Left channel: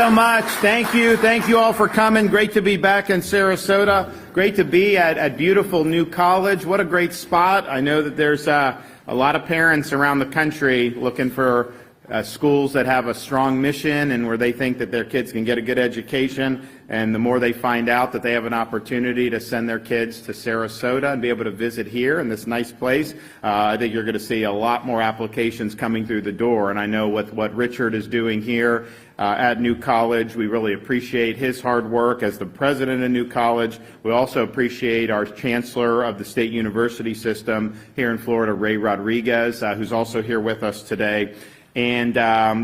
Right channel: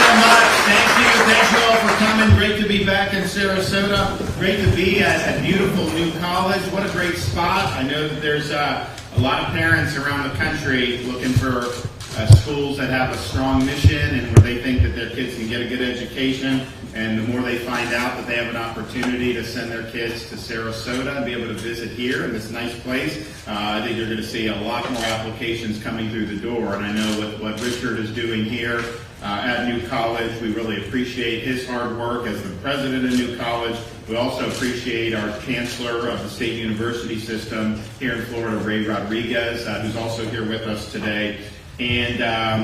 so much. Thank you all for coming. Great to be back in Sarasota. Great to be at a beautiful new college. What a great spot. I know that there's a lot of parents around the country looking for schools that have a strong mission and where they think that their kids can get a good education. And the more they find out that they have an opportunity to send their kids to Sarasota and be able to visit here in this nice place, I think you're going to see a lot more applications coming through the door. And I know what Richard is doing here at New College, we really appreciate his hard work as the president of New College. We also appreciate our chancellor of the state university system here in Florida, Ray Rodriguez, who's also here with us today. And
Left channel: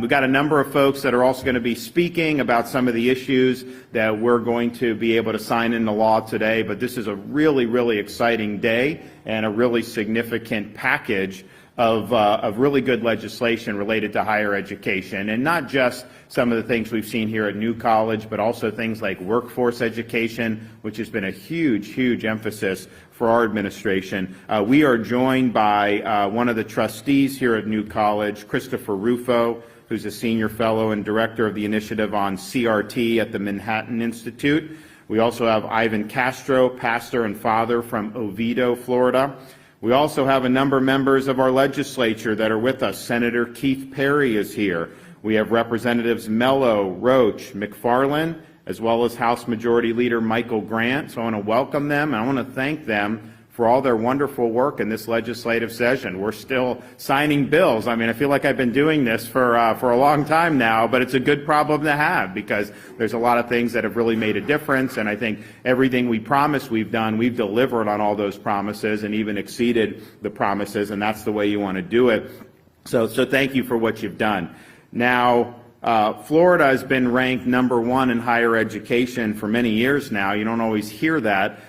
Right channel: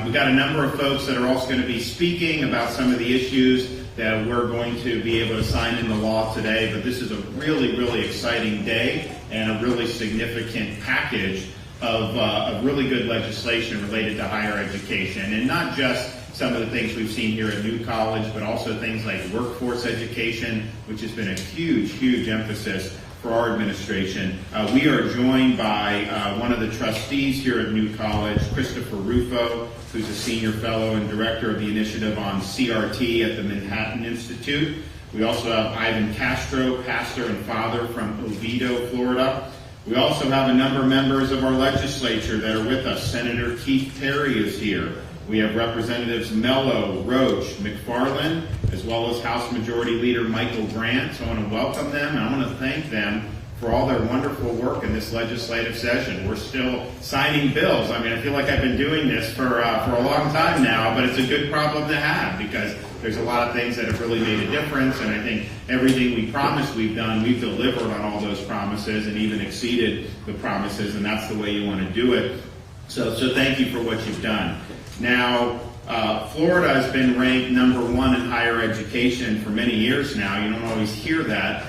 we've got a number of folks that are also going to be speaking about some of the issues that we're going to be able to sign into law today. But this is a really, really exciting day and a really significant package of really good legislation related to higher education. And not just some of the things we've seen here at New College, but also things like workforce education, which has been a huge, huge emphasis for our administration. We are joined by one of the trustees here at New College, Christopher Rufo, who's a senior fellow and director of the initiative on CRT at the Manhattan Institute. We also have Ivan Castro, pastor and father from Oviedo, Florida. We also have a number of members of our legislature that are with us. Senator Keith Perry is here. We have Representatives Mello, Roach, McFarland, as well as House Majority Leader Michael Grant. So I want to welcome them. I want to thank them for all their wonderful work in this legislative session. We're still signing bills. I mean, I feel like I've been doing this for a long time now, but it's a good problem to have because there's a lot of things that have really made a difference, and I think everything we promised we've done, we've delivered on all those promises and even exceeded the promises, and that's the way you want to do it. So thank you for what you've done. Now, Florida has been ranked #1 in higher education for many years now. You don't always hear that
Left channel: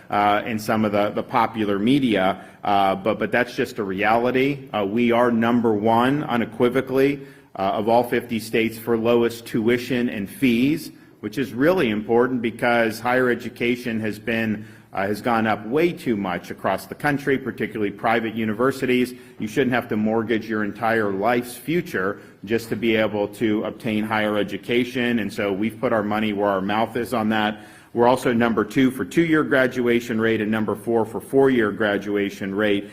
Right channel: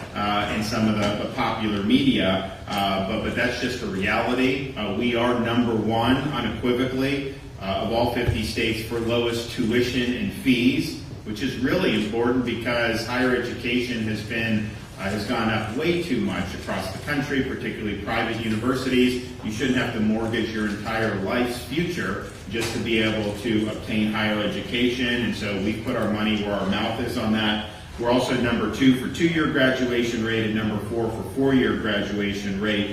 in some of the popular media, but that's just a reality. We are #1 unequivocally of all 50 states for lowest tuition and fees, which is really important because higher education has gone up way too much across the country, particularly private universities. You shouldn't have to mortgage your entire life's future just to be able to obtain higher education, and so we've put our money where our mouth is on that. We're also #2 for 2-year graduation rate and #4 for 4-year graduation rate.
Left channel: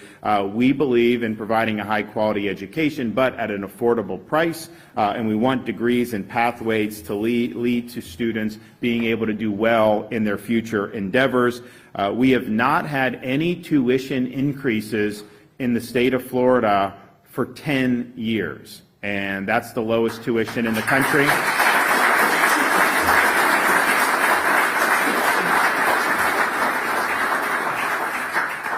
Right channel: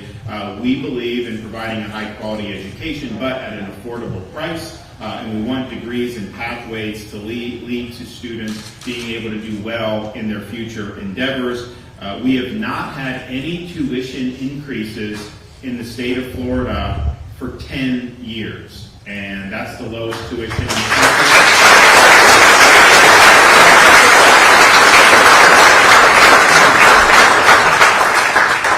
We believe in providing a high-quality education, but at an affordable price, and we want degrees and pathways to lead to students being able to do well in their future endeavors. We have not had any tuition increases in the state of Florida for 10 years. And that's the lowest tuition in the country.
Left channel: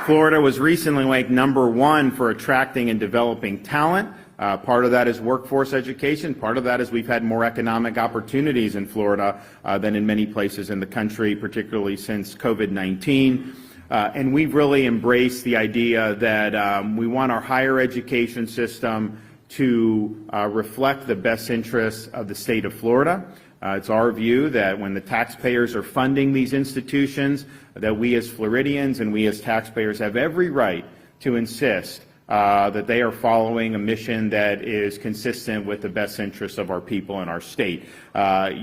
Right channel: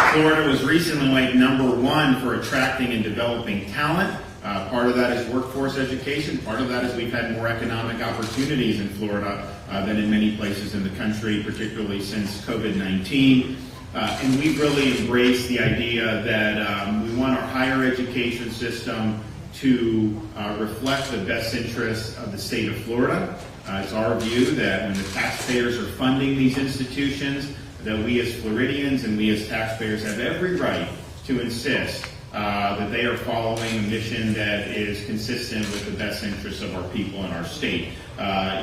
Florida was recently ranked #1 for attracting and developing talent. Part of that is workforce education. Part of that is we've had more economic opportunities in Florida than in many places in the country, particularly since COVID-19. And we've really embraced the idea that we want our higher education system to reflect the best interests of the state of Florida. It's our view that when the taxpayers are funding these institutions, that we as Floridians and we as taxpayers have every right to insist that they are following a mission that is consistent with the best interests of our people in our state.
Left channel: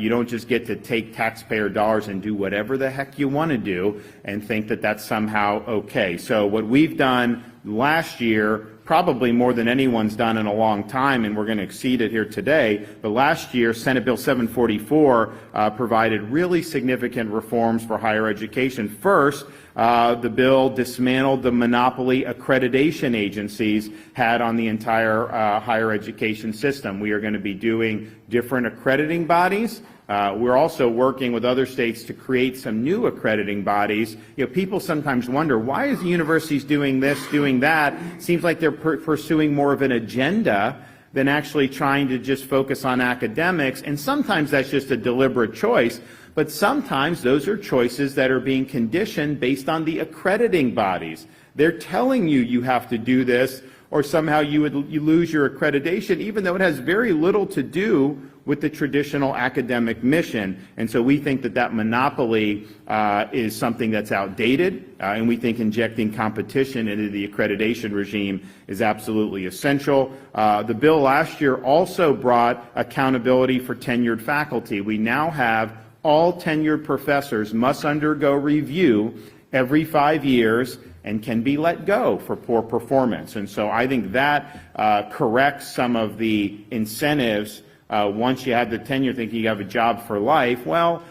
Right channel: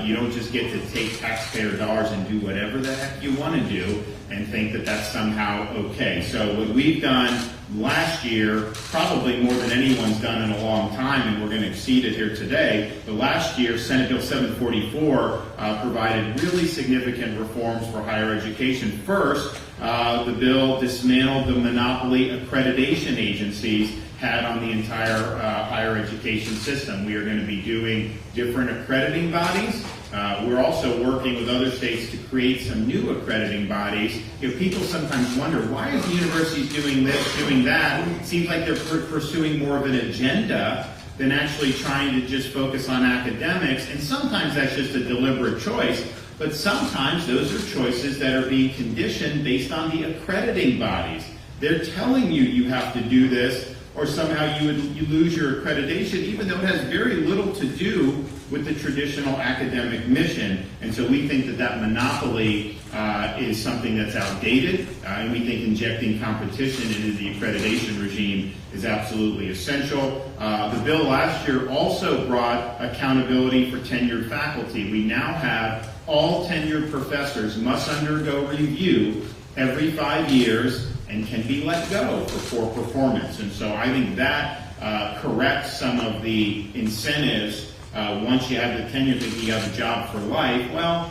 You don't just get to take taxpayer dollars and do whatever the heck you want to do and think that that's somehow okay. So what we've done last year, probably more than anyone's done in a long time, and we're going to exceed it here today, but last year Senate Bill 744 provided really significant reforms for higher education. First, the bill dismantled the monopoly accreditation agencies had on the entire higher education system. We are going to be doing different accrediting bodies. We're also working with other states to create some new accrediting bodies. You know, people sometimes wonder, why are the universities doing this, doing that? It seems like they're pursuing more of an agenda than actually trying to just focus on academics, and sometimes that's just a deliberate choice, but sometimes those are choices that are being conditioned based on the accrediting bodies. They're telling you you have to do this, or somehow you lose your accreditation, even though it has very little to do with the traditional academic mission. And so we think that monopoly is something that's outdated, and we think injecting competition into the accreditation regime is absolutely essential. The bill last year also brought accountability for tenured faculty. We now have all tenured professors must undergo review every 5 years and can be let go for poor performance. And so I think that corrects some of the incentives. Once you have the tenure, think you have a job for life. Well,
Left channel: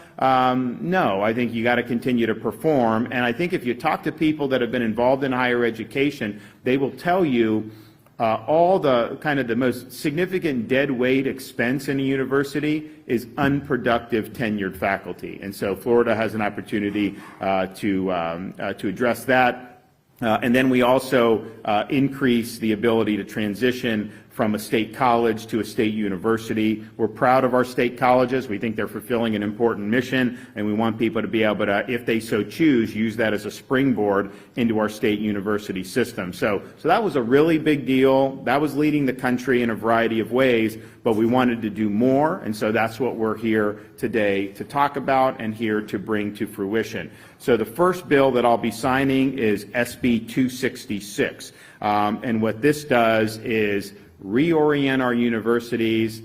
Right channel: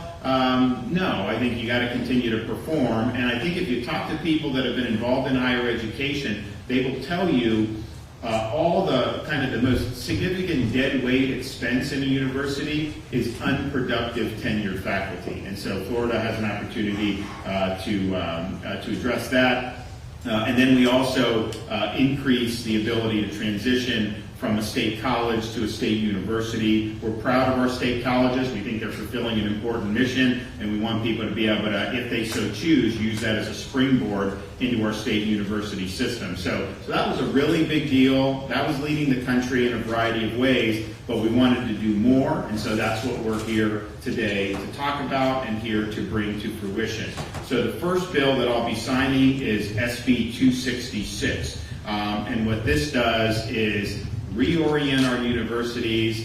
no, I think you got to continue to perform. And I think if you talk to people that have been involved in higher education, they will tell you all the kind of the most significant dead weight expense in a university is unproductive tenured faculty. And so Florida has an opportunity to address that. And then we also increase the ability to transition from a state college to a state university. We're proud of our state colleges. We think they're fulfilling an important mission, and we want people to be able to, if they so choose, use that as a springboard into our state university system. So that was a really big deal. That was leading the country in a variety of ways, but we wanted to do more, and so that's what we're here today to talk about and here to bring to fruition. So the first bill that I'll be signing is SB 266. And what this does is reorient our universities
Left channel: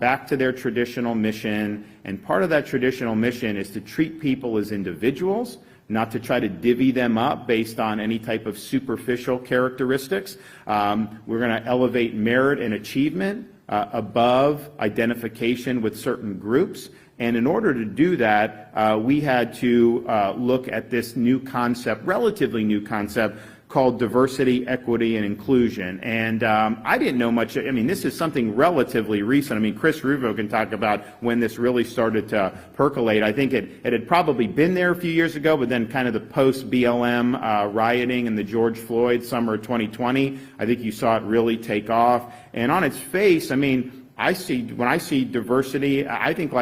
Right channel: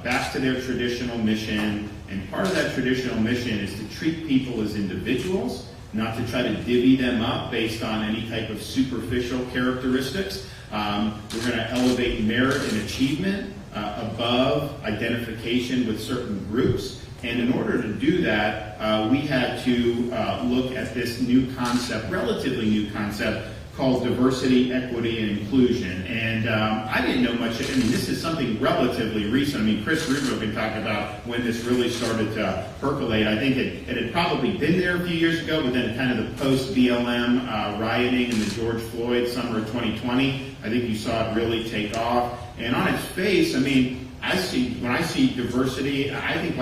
back to their traditional mission. And part of that traditional mission is to treat people as individuals, not to try to divvy them up based on any type of superficial characteristics. We're going to elevate merit and achievement above identification with certain groups. And in order to do that, we had to look at this new concept, relatively new concept, called diversity, equity, and inclusion. And I didn't know much. I mean, this is something relatively recent. I mean, Chris Rufo can talk about when this really started to percolate. I think it had probably been there a few years ago, but then kind of the post-BLM rioting and the George Floyd summer of 2020, I think you saw it really take off. And on its face, I mean, when I see diversity, I think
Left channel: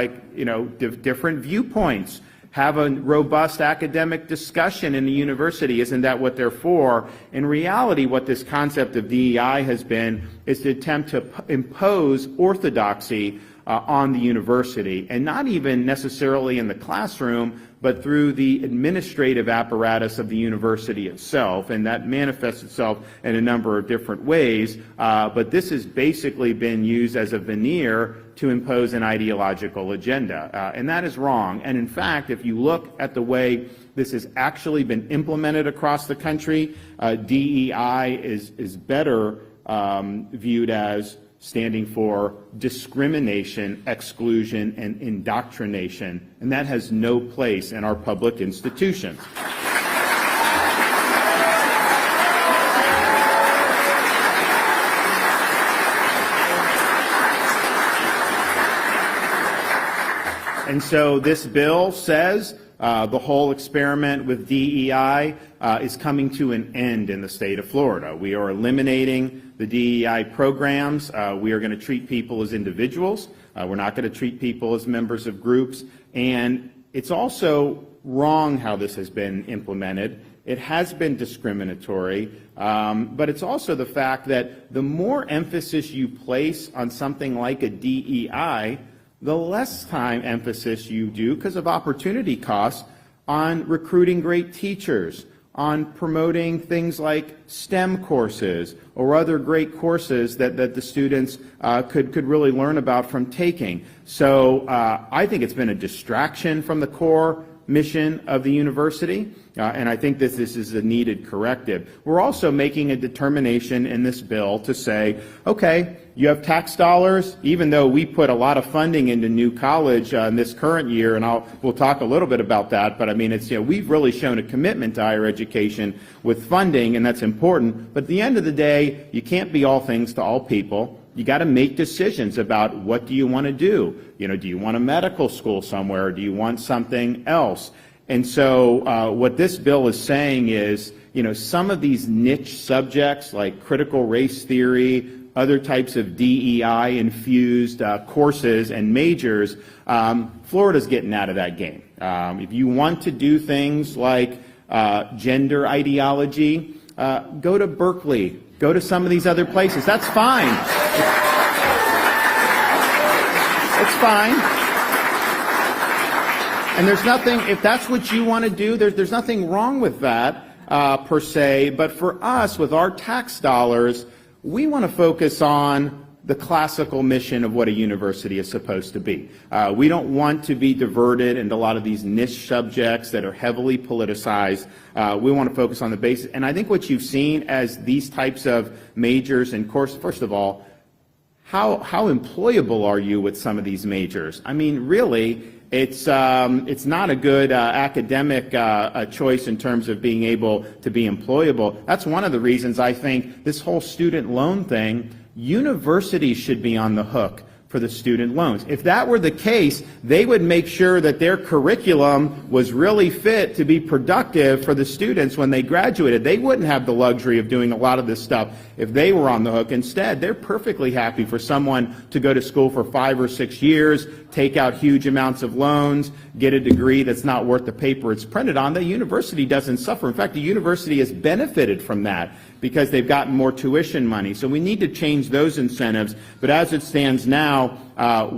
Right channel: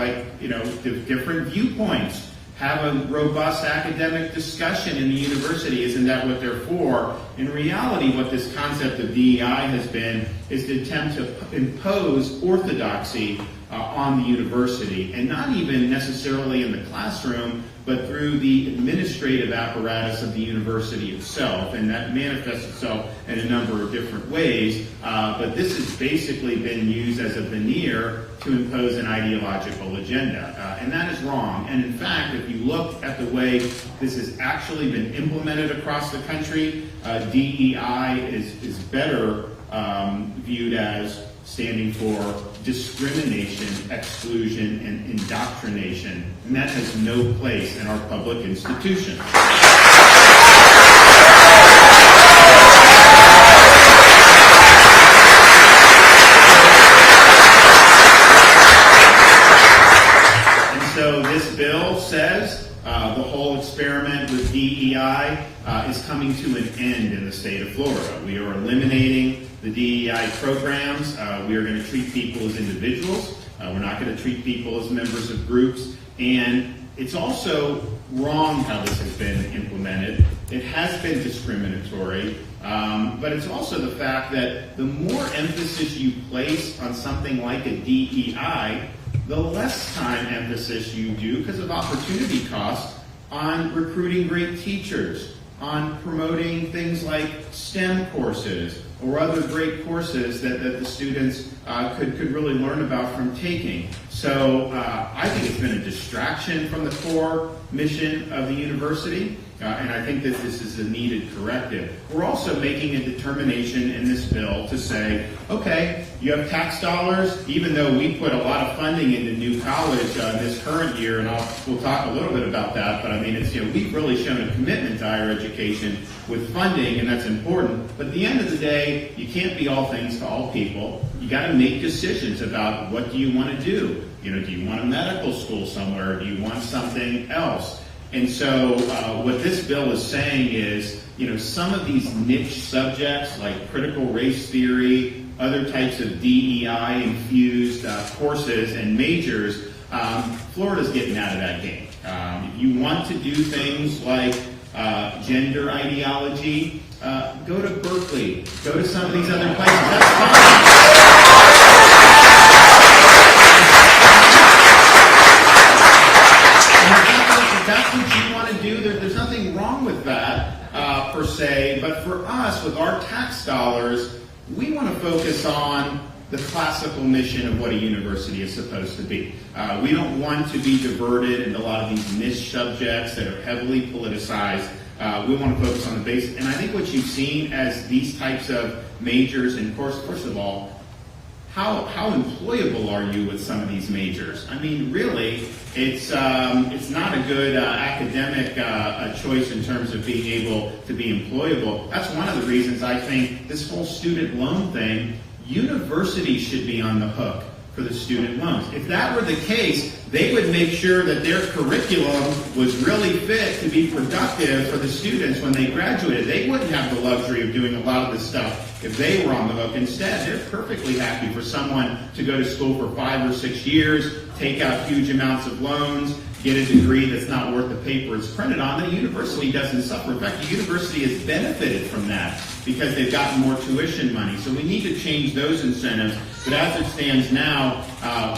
different viewpoints. Have a robust academic discussion in the university. Isn't that what they're for? In reality, what this concept of DEI has been is the attempt to impose orthodoxy on the university, and not even necessarily in the classroom, but through the administrative apparatus of the university itself, and that manifests itself in a number of different ways. But this has basically been used as a veneer to impose an ideological agenda, and that is wrong. And in fact, if you look at the way this has actually been implemented across the country, DEI is better viewed as standing for discrimination, exclusion, and indoctrination, and that has no place in our public institutions. So this bill says the whole experiment with DEI is coming to an end in the state of Florida. We are eliminating the DEI programs. We are going to treat people as individuals. We're not going to treat people as members of groups. And it's also wrong how this has been implemented. It has been discriminatory, but it's also the fact that the more emphasis you place on something like a DEI, the less time emphasis you do, because of opportunity costs, on recruiting great teachers, on promoting things like STEM courses or other great courses that the students could really learn about from taking. So I think it's been a distraction from the core mission of the university, and I think that this is a needed corrective. We're also making a determination in this bill to say, okay, you have tax dollars, even though we put a lot of funding into new college in this current year, and we'll talk a little bit about that, but I mean, we've really shown a commitment to higher education with funding, and that's important. But at the end of the day, you can't be all things to all people. You got to make decisions about what do you want to do. Do you want a medical school somewhere, or do you want something else? And so what this bill is saying is, some of these niche subjects like critical race theory, other types of DEI-infused courses and majors, Florida's getting out of that game. If you want to do things like gender ideology, go to Berkeley, go to some of these other places. That's fine. And there's nothing, if that's what you want to do, there's nothing wrong with that per se. But for us, with our tax dollars, we want to focus on the classical mission of what a university is supposed to be. We don't want to be diverted into a lot of these niche subjects that are heavily politicized. We want to focus on the basic. And I think what you've seen as these types of majors, and of course, first of all, how employable are you with some of these majors? I mean, really, it's not a good academic choice in terms of being able to be employable. That's one of the reasons I think this whole student loan thing, universities should be on the hook for the student loans. If that were the case, they would make sure that their curriculum was really fit to be productive for the students when they graduated. They wouldn't have the luxury of doing a lot of this stuff if they were on the hook. Instead, they're perfectly happy for someone to go to school for 5 or 6 years, take out huge amounts of loans, get a degree that's not worth the paper it's printed on. The university doesn't suffer. In fact, the university has benefited from that because they've gotten more tuition money. So we need to change those incentives. But as it stands now,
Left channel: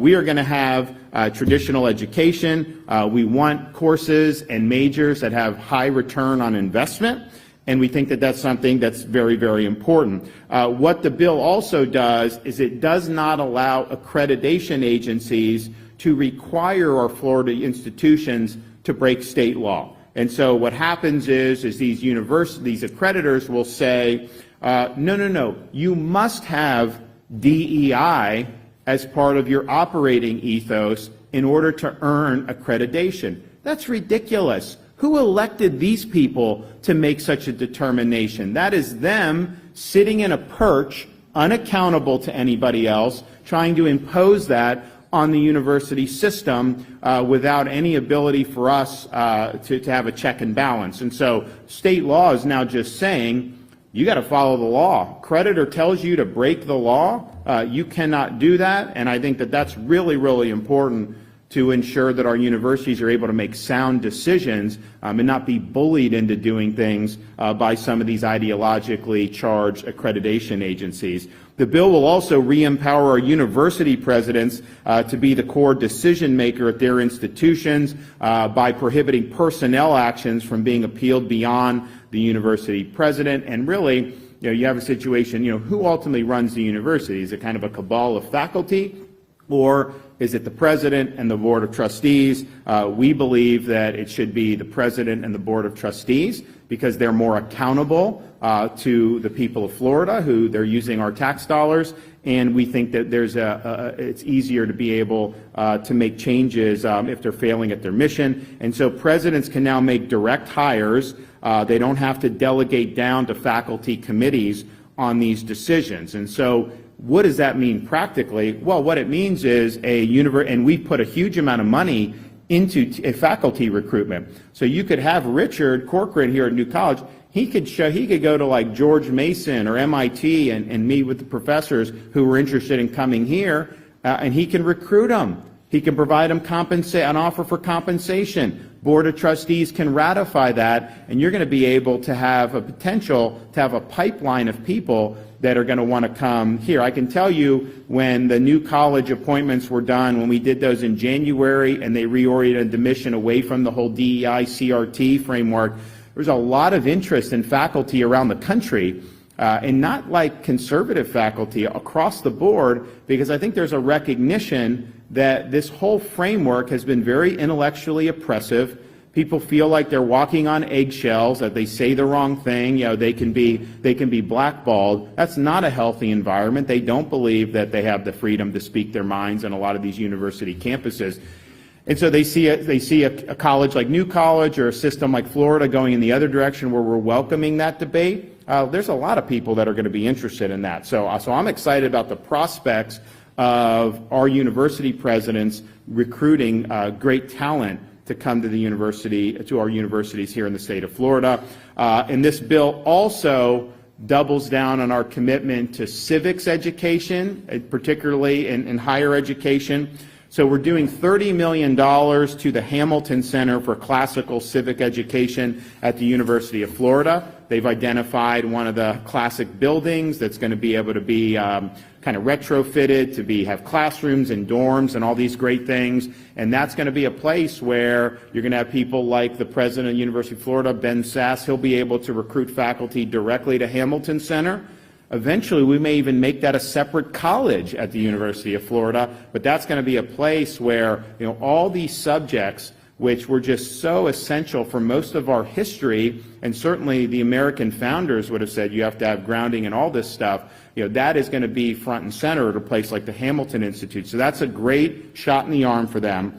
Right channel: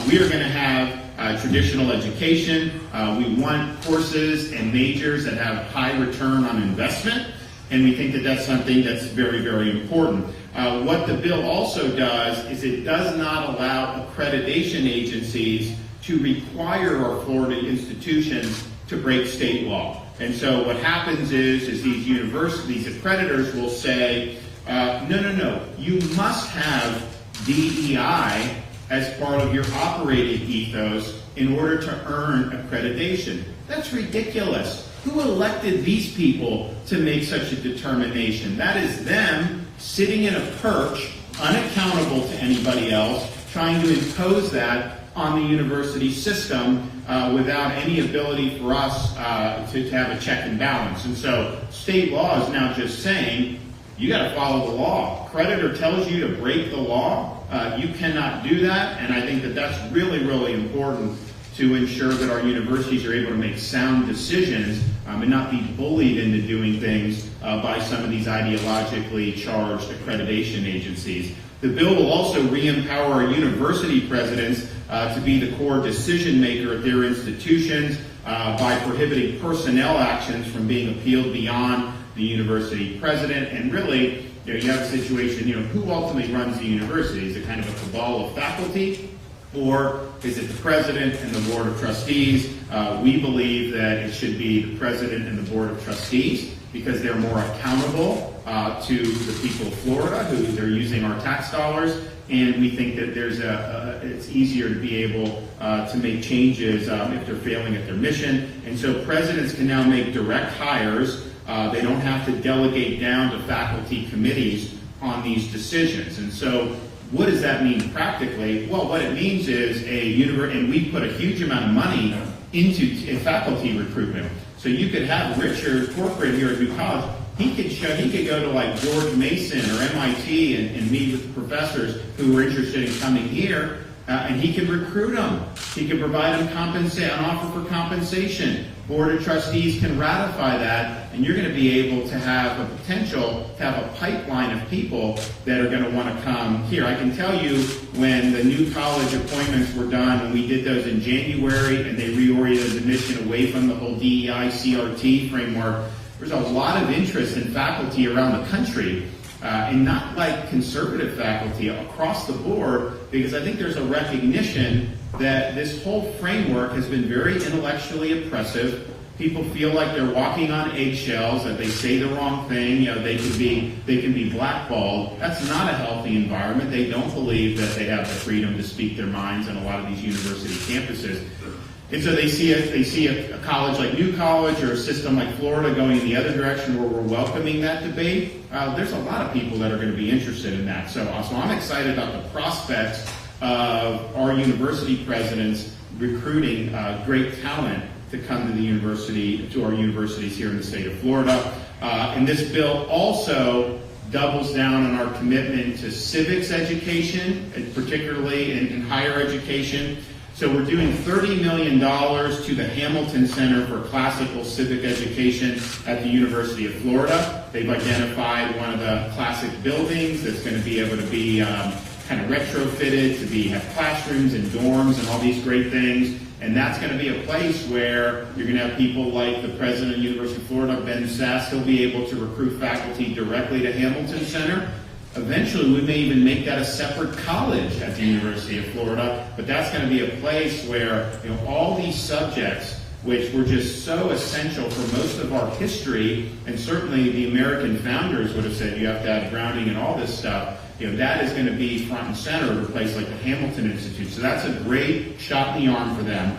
we are going to have traditional education. We want courses and majors that have high return on investment. And we think that that's something that's very, very important. What the bill also does is it does not allow accreditation agencies to require our Florida institutions to break state law. And so what happens is these universities, accreditors will say, no, you must have DEI as part of your operating ethos in order to earn accreditation. That's ridiculous. Who elected these people to make such a determination? That is them sitting in a perch, unaccountable to anybody else, trying to impose that on the university system without any ability for us to have a check and balance. And so state law is now just saying, you got to follow the law. Creditor tells you to break the law, you cannot do that. And I think that that's really, really important to ensure that our universities are able to make sound decisions and not be bullied into doing things by some of these ideologically charged accreditation agencies. The bill will also re-empower our university presidents to be the core decision maker at their institutions by prohibiting personnel actions from being appealed beyond the university president. And really, you have a situation, who ultimately runs the university? Is it kind of a cabal of faculty, or is it the president and the board of trustees? We believe that it should be the president and the board of trustees because they're more accountable to the people of Florida, who they're using our tax dollars, and we think that it's easier to be able to make changes if they're failing at their mission. And so presidents can now make direct hires. They don't have to delegate down to faculty committees on these decisions. And so what does that mean practically? Well, what it means is and we put a huge amount of money into faculty recruitment. So you could have Richard Corcoran here at New College. He could go to like George Mason or MIT and meet with professors who were interested in coming here, and he could recruit them. He can provide them an offer for compensation. Board of Trustees can ratify that, and you're going to be able to have a potential to have a pipeline of people that are going to want to come here. I can tell you when the new college appointments were done, when we did those in January, and they reoriented the mission away from the whole DEI CRT framework, there's a lot of interest in faculty around the country, and not like conservative faculty across the board, because I think there's a recognition that this whole framework has been very intellectually oppressive. People feel like they're walking on eggshells, that they say the wrong thing, they can be blackballed. That's not a healthy environment. They don't believe that they have the freedom to speak their minds on a lot of these university campuses. And so they see a college like New College or a system like Florida going in the other direction where we're welcoming that debate. There's a lot of people that are going to be interested in that. So I'm excited about the prospects of our university presidents recruiting great talent to come to our universities here in the state of Florida. And this bill also doubles down on our commitment to civics education, particularly in higher education. So we're doing $30 million to the Hamilton Center for Classical Civic Education at the University of Florida. They've identified one of the classic buildings that's going to be able to be kind of retrofitted to have classrooms and dorms and all these great things. And that's going to be a place where you're going to have people like the president of the University of Florida, Ben Sass. He'll be able to recruit faculty directly to Hamilton Center. Eventually, we may even make that a separate college at the University of Florida, but that's going to be a place where, all these subjects, which were just so essential for most of our history, and certainly the American founders would have said you have to have grounding in all this stuff, that is going to be front and center of a place like the Hamilton Institute. So that's a great shot in the arm for them.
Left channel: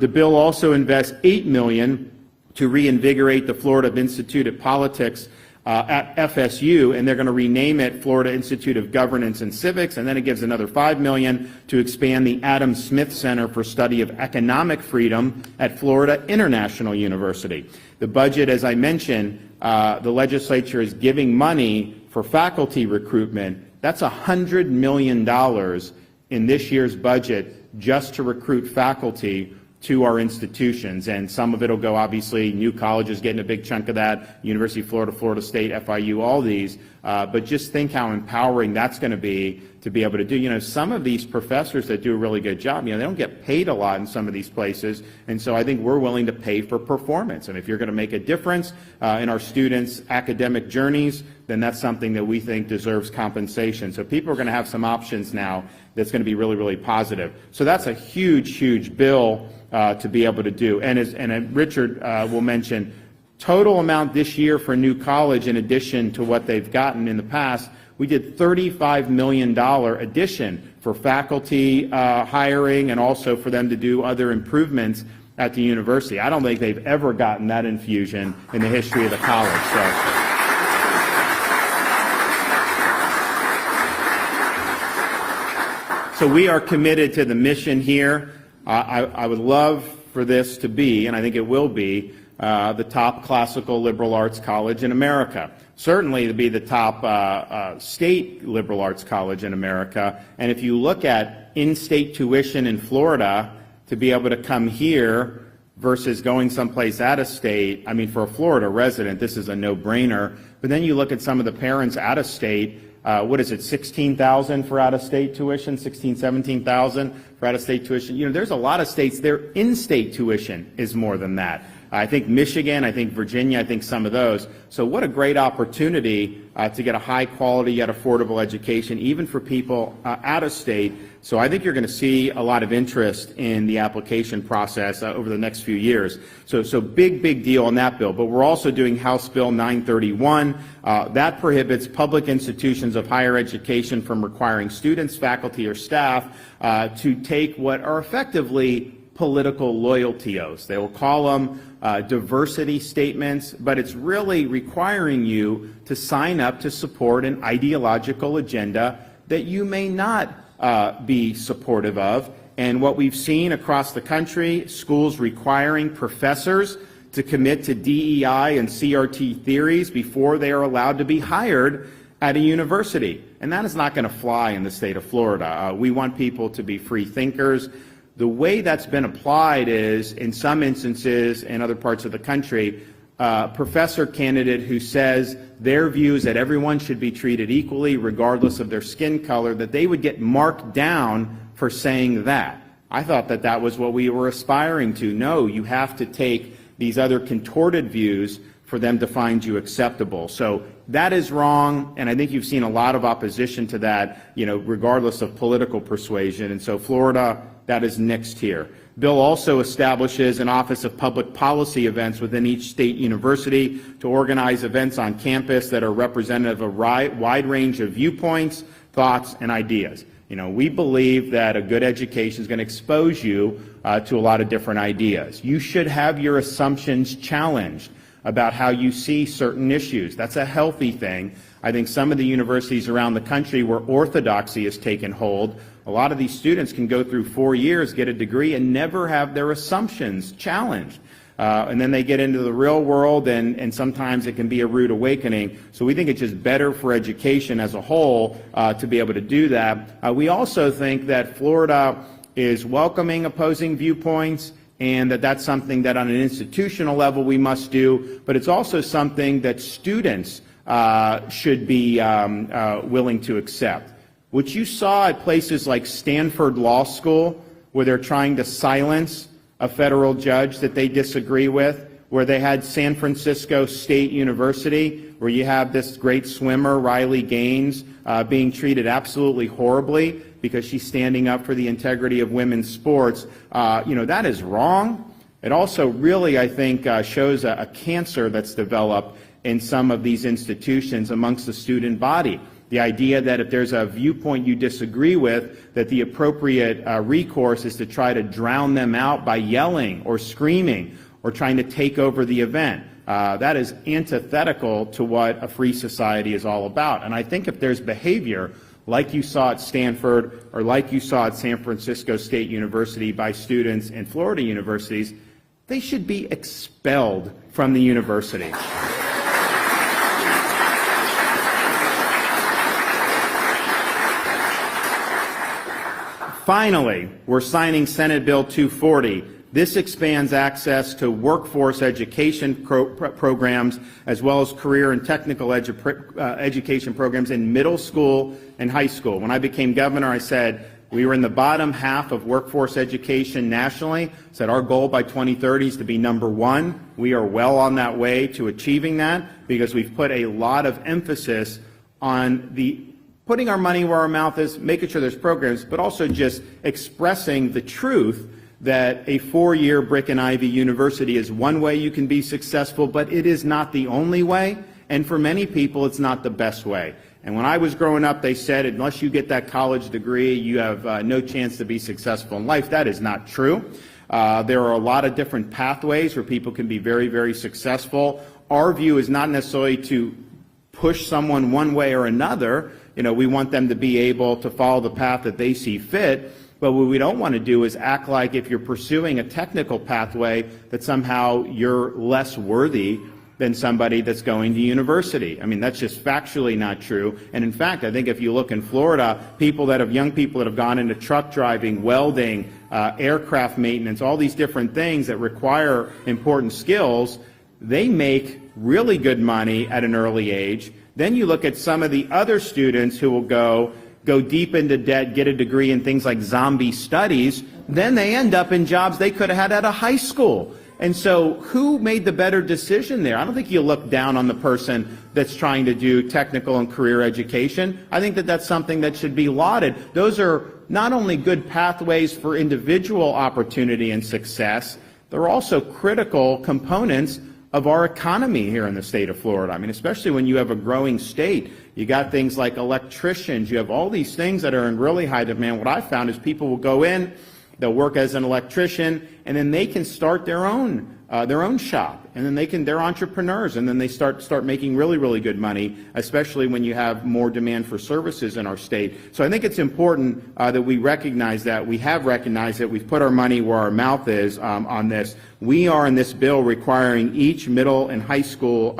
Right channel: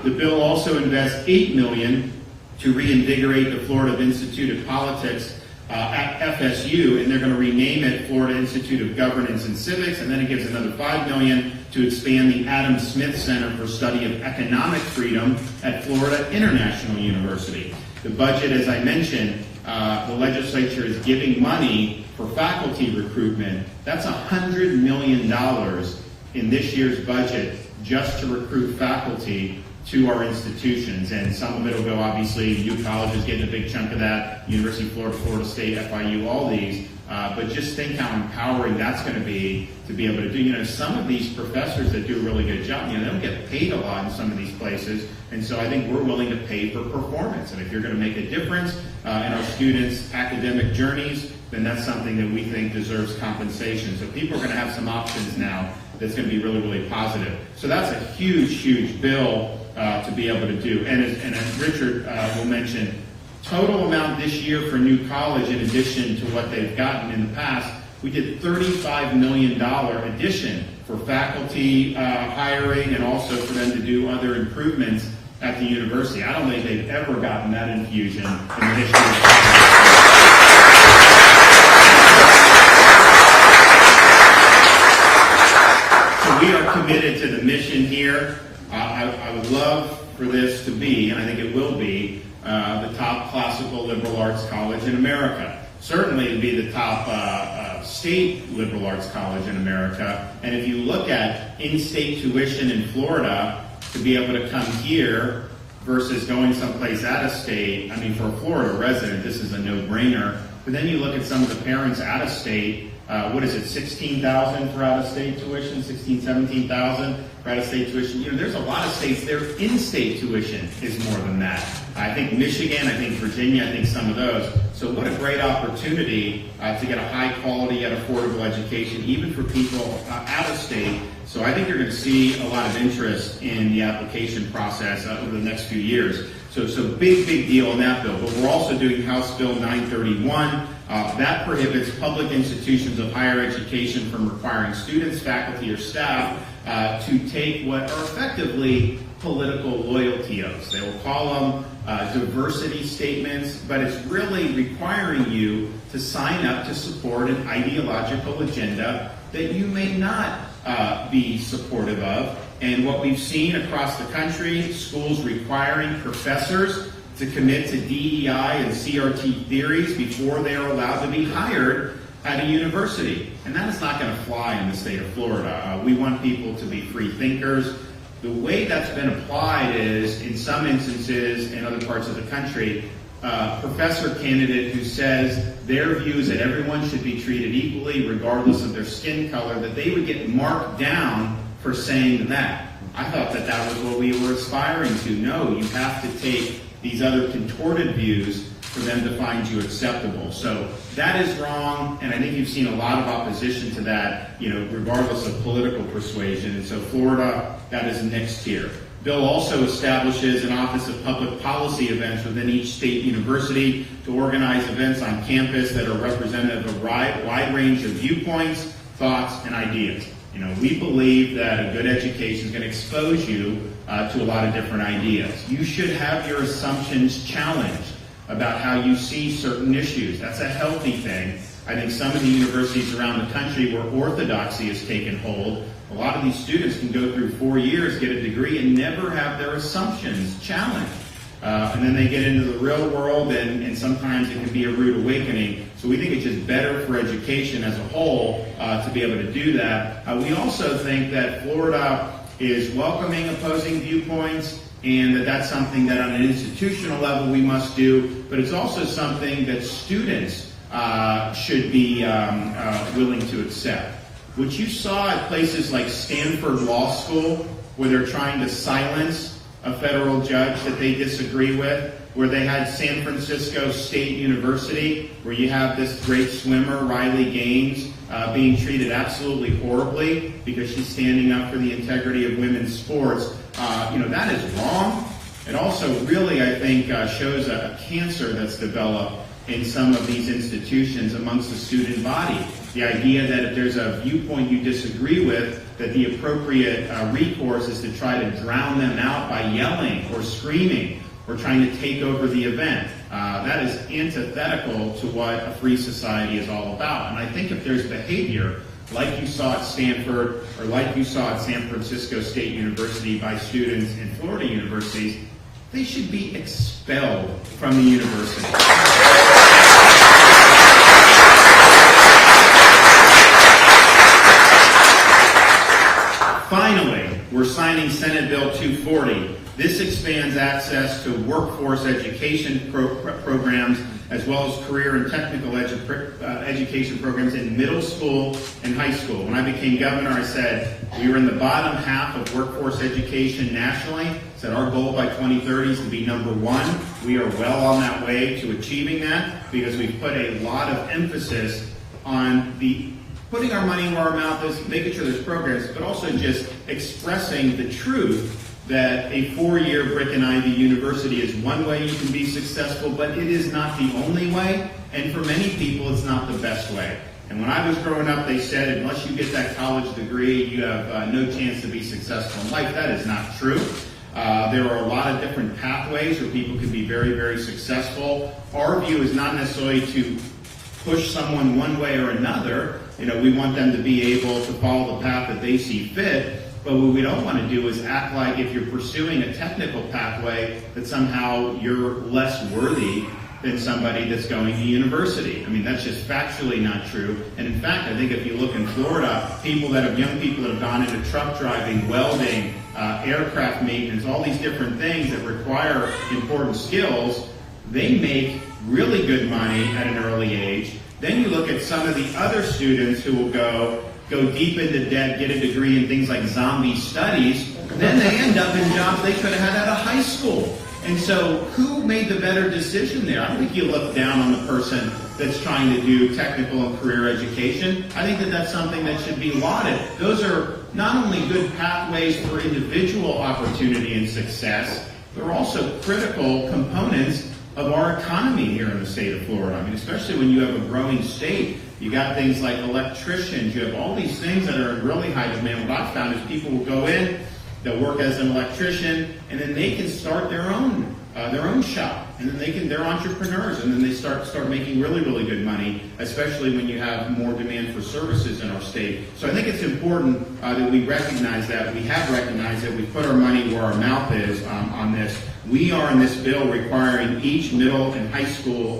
The bill also invests $8 million to reinvigorate the Florida Institute of Politics at FSU, and they're going to rename it Florida Institute of Governance and Civics, and then it gives another $5 million to expand the Adam Smith Center for Study of Economic Freedom at Florida International University. The budget, as I mentioned, the legislature is giving money for faculty recruitment. That's $100 million in this year's budget just to recruit faculty to our institutions, and some of it will go, obviously, new colleges getting a big chunk of that, University of Florida, Florida State, FIU, all these, but just think how empowering that's going to be able to do, some of these professors that do a really good job, they don't get paid a lot in some of these places, and so I think we're willing to pay for performance, and if you're going to make a difference in our students' academic journeys, then that's something that we think deserves compensation. So people are going to have some options now that's going to be really, really positive. So that's a huge, huge bill to be able to do. And as Richard will mention, total amount this year for new college, in addition to what they've gotten in the past, we did $35 million addition for faculty hiring and also for them to do other improvements at the university. I don't think they've ever gotten that infusion in the history of college. So we are committed to the mission here. I would love for this to be, and I think it will be, the top classical liberal arts college in America. Certainly to be the top state liberal arts college in America. And if you look at in-state tuition in Florida, to be able to come here versus going someplace out of state, for a Florida resident, this is a no-brainer. But then you look at some of the parents out of state, what is it, $16,000 for out-of-state tuition, $16,000, $17,000 for out-of-state tuition. There's a lot of states, their in-state tuition is more than that. I think Michigan, I think Virginia, I think some of those. So what a great opportunity to get a high-quality yet affordable education, even for people out of state. So I think you're going to see a lot of interest in the application process over the next few years. So big deal on that bill. But we're also doing House Bill 931. That prohibits public institutions of higher education from requiring students, faculty, or staff to take what are effectively political loyalty oaths. They will call them diversity statements, but it's really requiring you to sign up to support an ideological agenda that you may not be supportive of. And what we've seen across the country, schools requiring professors to commit to DEI and CRT theories before they are allowed to be hired at a university. And that is not going to fly in the state of Florida. We want people to be free thinkers. The way that's been applied is, in some instances in other parts of the country, a professor candidate who says their views that everyone should be treated equally regardless of their skin color, that they would get marked down for saying that. I thought that was what we were aspiring to. No, you have to take these other contorted views for them to find you acceptable. So that is wrong, and I think you've seen a lot of opposition to that, regardless of political persuasion. And so Florida, that is next here. Bill also establishes an Office of Public Policy events within each state university to organize events on campus that are representative of a wide range of viewpoints, thoughts, and ideas. We believe that a good education is going to expose you to a lot of different ideas. You should have your assumptions challenged about how you see certain issues. That's a healthy thing. I think some of the universities around the country where orthodoxy has taken hold, a lot of these students can go through 4 years, get a degree, and never have their assumptions challenged. And then they get into the real world, and sometimes it can be a rude awakening. So we think it's just better for education as a whole to be able to do that. We also think that Florida is welcoming opposing viewpoints, and that's something that on an institutional level we must do, but it's also something that students should be willing to accept. What you saw at places like Stanford Law School, where they're trying to silence a federal judge that they disagree with, where they had San Francisco State University, where you have this great swimmer, Riley Gaines, being treated absolutely horribly because she's standing up for the integrity of women's sports. That is wrong. It also really, I think, shows a cancer that's developed in some of these institutions amongst the student body. The idea that if there's a viewpoint you disagree with, that the appropriate recourse is to try to drown them out by yelling or screaming or trying to take over the event. That is antithetical to what a free society is all about. And I think if there's behavior like you saw at Stanford or like you saw at San Francisco State University by students in Florida universities, they should be expelled from the university. Finally, we're signing Senate Bill 240. This expands access to workforce education programs as well as career and technical education programs in middle school and high school. When I became governor, I said we were in the bottom half of workforce education nationally. I said our goal by 2030 is to be number one. We are well on that way to achieving that because we've put a lot of emphasis on putting our money where our mouth is, making sure there's programs, but also just expressing the truth that a 4-year brick and ivy university is one way you can be successful, but it is not the only way, and for many people it's not the best way. And when I was growing up, they said unless you get that college degree, you have no chance to be successful in life. That is not true. There are a lot of different pathways where people can be very, very successful. Our view is not necessarily to push someone one way or another. We want them to be able to follow the path that they see fit. But what we don't want to do is act like if you're pursuing a technical pathway that somehow you're less worthy than somebody that's going to university. I mean, that's just factually not true. And in fact, I think if you look in Florida, young people that have gone into truck driving, welding, aircraft maintenance, all these different things that require important skills, they make really good money at an early age. Then you look at some of the other students who will go deep into debt, get a degree in things like zombie studies, then they end up in jobs they could have had out of high school. And so who made the better decision there? I don't think you look down on the person that's trying to do technical and career education. I think that that's something that should be lauded. Those are not only good pathways for individual opportunity and success, they're also critical components of our economy here in the state of Florida. I mean, especially when you have a growing state. You got things like electricians. You have all these things that are in really high demand. What I've found is people will go in, they'll work as an electrician, and then they can start their own shop. And then they're entrepreneurs, and then they start making really, really good money, especially when you have more demand for services in our state. So I think it's important that we recognize that. We have recognized that we put our money where our mouth is on this. We are in this bill requiring each middle and high school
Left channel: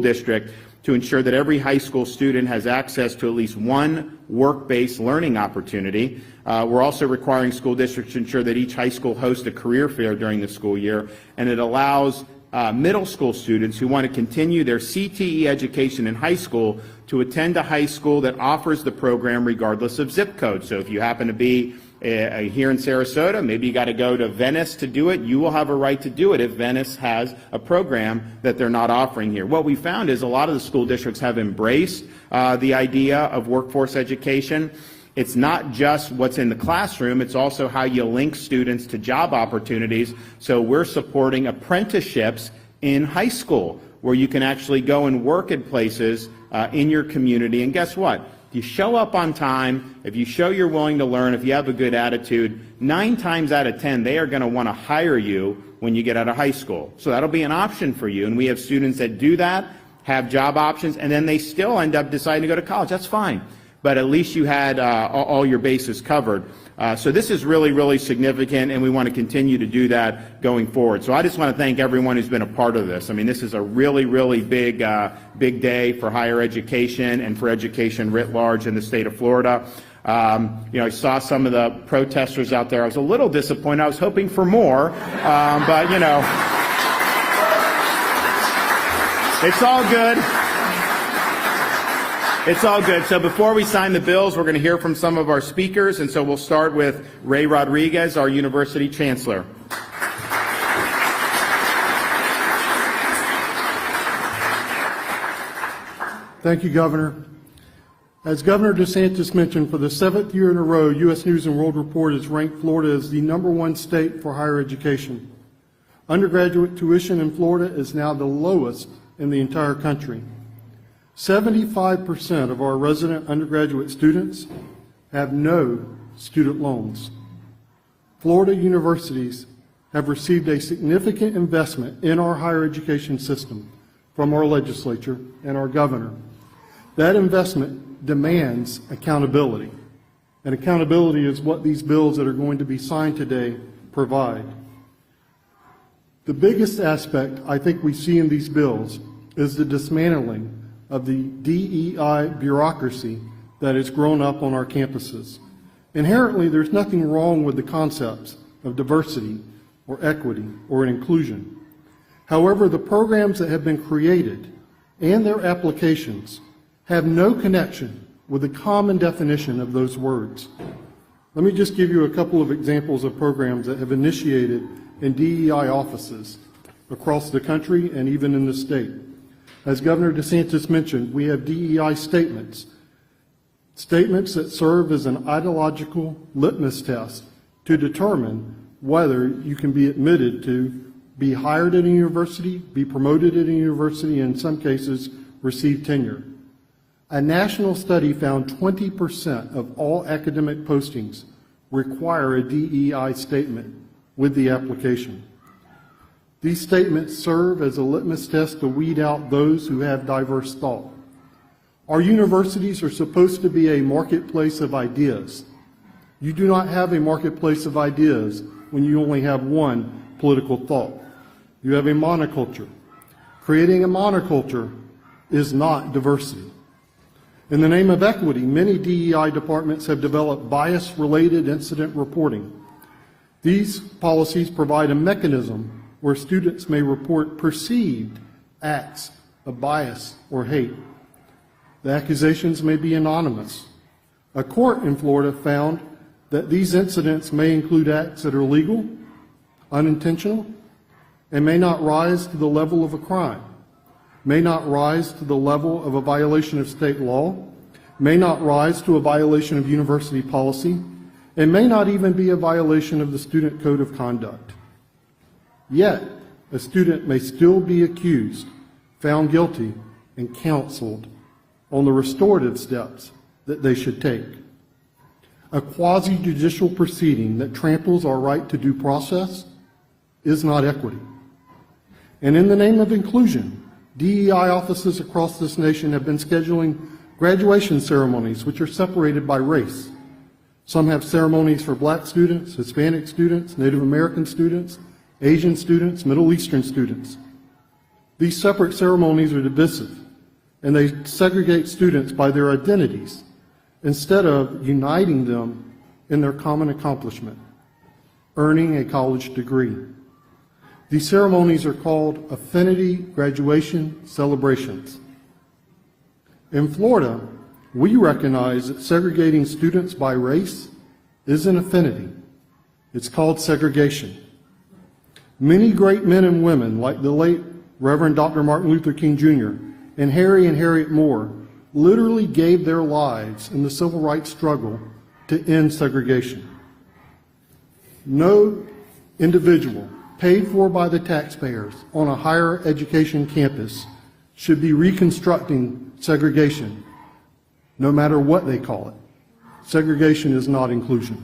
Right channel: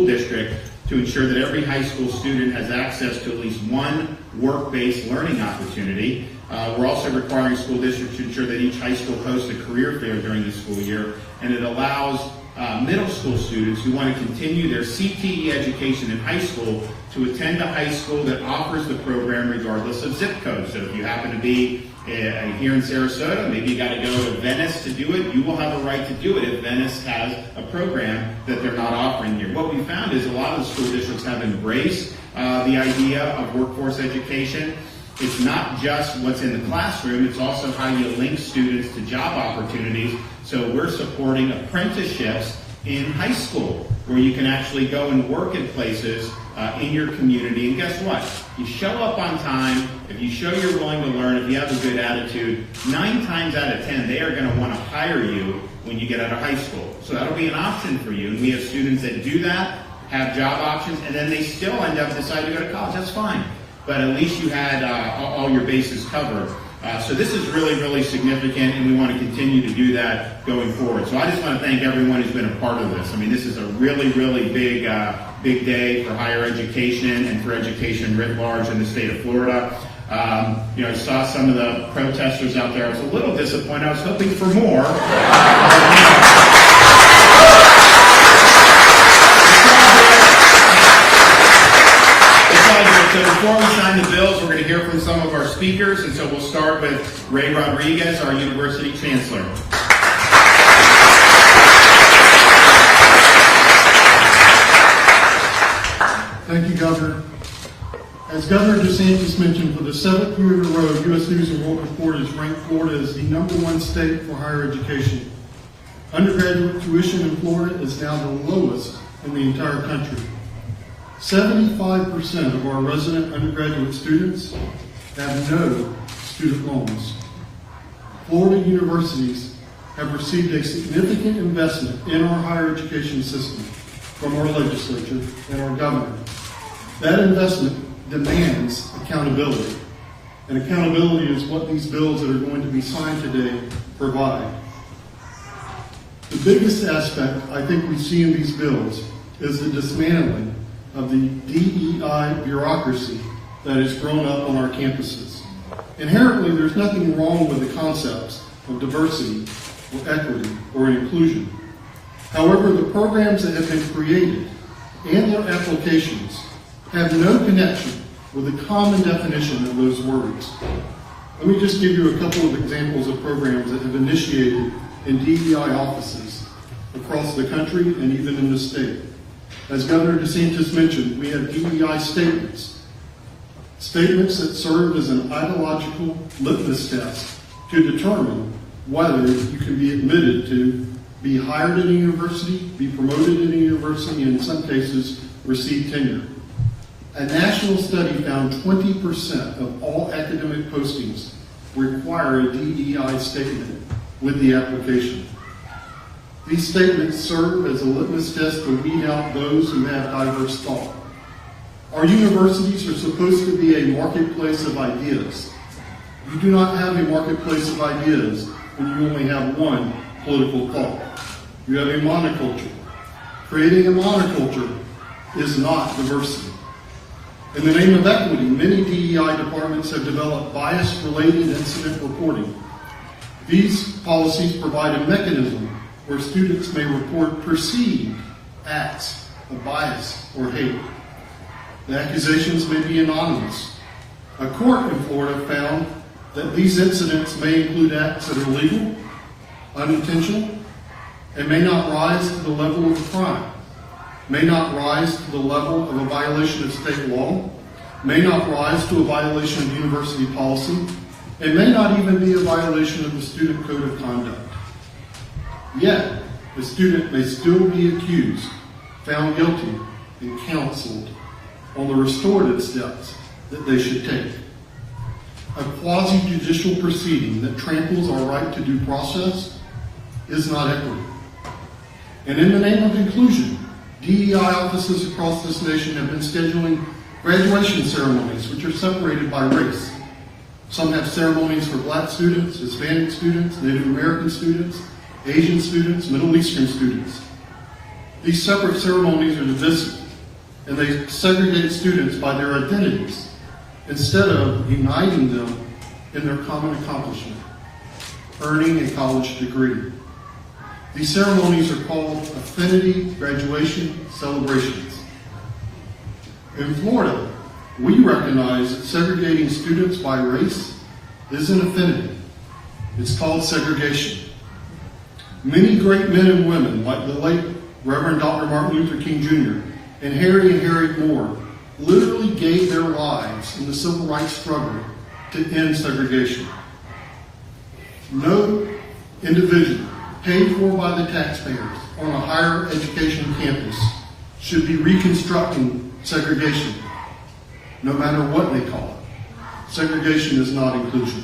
district to ensure that every high school student has access to at least one work-based learning opportunity. We're also requiring school districts to ensure that each high school hosts a career fair during the school year, and it allows middle school students who want to continue their CTE education in high school to attend a high school that offers the program regardless of zip code. So if you happen to be here in Sarasota, maybe you got to go to Venice to do it, you will have a right to do it if Venice has a program that they're not offering here. What we found is a lot of the school districts have embraced the idea of workforce education. It's not just what's in the classroom, it's also how you link students to job opportunities. So we're supporting apprenticeships in high school where you can actually go and work in places in your community. And guess what? If you show up on time, if you show you're willing to learn, if you have a good attitude, 9 times out of 10, they are going to want to hire you when you get out of high school. So that'll be an option for you. And we have students that do that, have job options, and then they still end up deciding to go to college. That's fine. But at least you had all your bases covered. So this is really, really significant, and we want to continue to do that going forward. So I just want to thank everyone who's been a part of this. I mean, this is a really, really big day for higher education and for education writ large in the state of Florida. I saw some of the protesters out there. I was a little disappointed. I was hoping for more. But, it's all good. So before we sign the bills, we're going to hear from some of our speakers, and so we'll start with Ray Rodriguez, our University Chancellor. Thank you, Governor. As Governor DeSantis mentioned, for the 7th year in a row, U.S. News & World Report has ranked Florida as the #1 state for higher education. Undergraduate tuition in Florida is now the lowest in the entire country. 75% of our resident undergraduate students have no student loans. Florida universities have received a significant investment in our higher education system from our legislature and our governor. That investment demands accountability, and accountability is what these bills that are going to be signed today provide. The biggest aspect I think we see in these bills is the dismantling of the DEI bureaucracy that has grown up on our campuses. Inherently, there's nothing wrong with the concepts of diversity or equity or inclusion. However, the programs that have been created and their applications have no connection with the common definition of those words. Let me just give you a couple of examples of programs that have initiated in DEI offices across the country and even in the state. As Governor DeSantis mentioned, we have DEI statements. Statements that serve as an ideological litmus test to determine whether you can be admitted to be hired in a university, be promoted in a university, and in some cases, receive tenure. A national study found 20% of all academic postings require a DEI statement with the application. These statements serve as a litmus test to weed out those who have diverse thought. Our universities are supposed to be a marketplace of ideas. You do not have a marketplace of ideas when you only have one political thought. You have a monoculture. Creating a monoculture is not diversity. In the name of equity, many DEI departments have developed bias-related incident reporting. These policies provide a mechanism where students may report perceived acts of bias or hate. The accusations may be anonymous. A court in Florida found that these incidents may include acts that are legal, unintentional, and may not rise to the level of a crime, may not rise to the level of a violation of state law, may not rise to a violation of university policy, and may not even be a violation of the student code of conduct. Yet, a student may still be accused, found guilty, and counseled on the restorative steps that they should take. A quasi-judicial proceeding that tramples our right to due process is not equity. And in the name of inclusion, DEI offices across this nation have been scheduling graduation ceremonies which are separated by race. Some have ceremonies for Black students, Hispanic students, Native American students, Asian students, Middle Eastern students. These separate ceremonies are divisive, and they segregate students by their identities instead of uniting them in their common accomplishment, earning a college degree. These ceremonies are called affinity graduation celebrations. In Florida, we recognize that segregating students by race is an affinity. It's called segregation. Many great men and women, like the late Reverend Dr. Martin Luther King Jr. and Harry and Harriet Moore, literally gave their lives in the civil rights struggle to end segregation. No individual paid for by the taxpayers on a higher education campus should be reconstructing segregation, no matter what they call it. Segregation is not inclusion.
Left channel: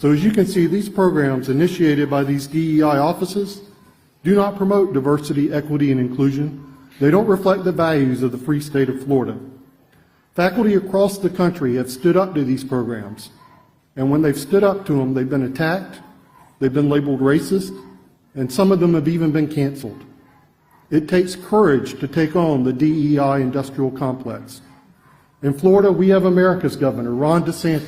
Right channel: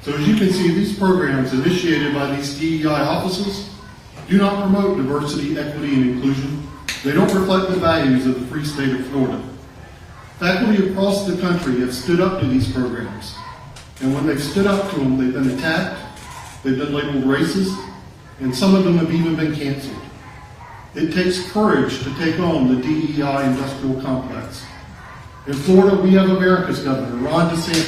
So as you can see, these programs initiated by these DEI offices do not promote diversity, equity, and inclusion. They don't reflect the values of the free state of Florida. Faculty across the country have stood up to these programs, and when they've stood up to them, they've been attacked, they've been labeled racist, and some of them have even been canceled. It takes courage to take on the DEI industrial complex. In Florida, we have America's governor, Ron DeSantis.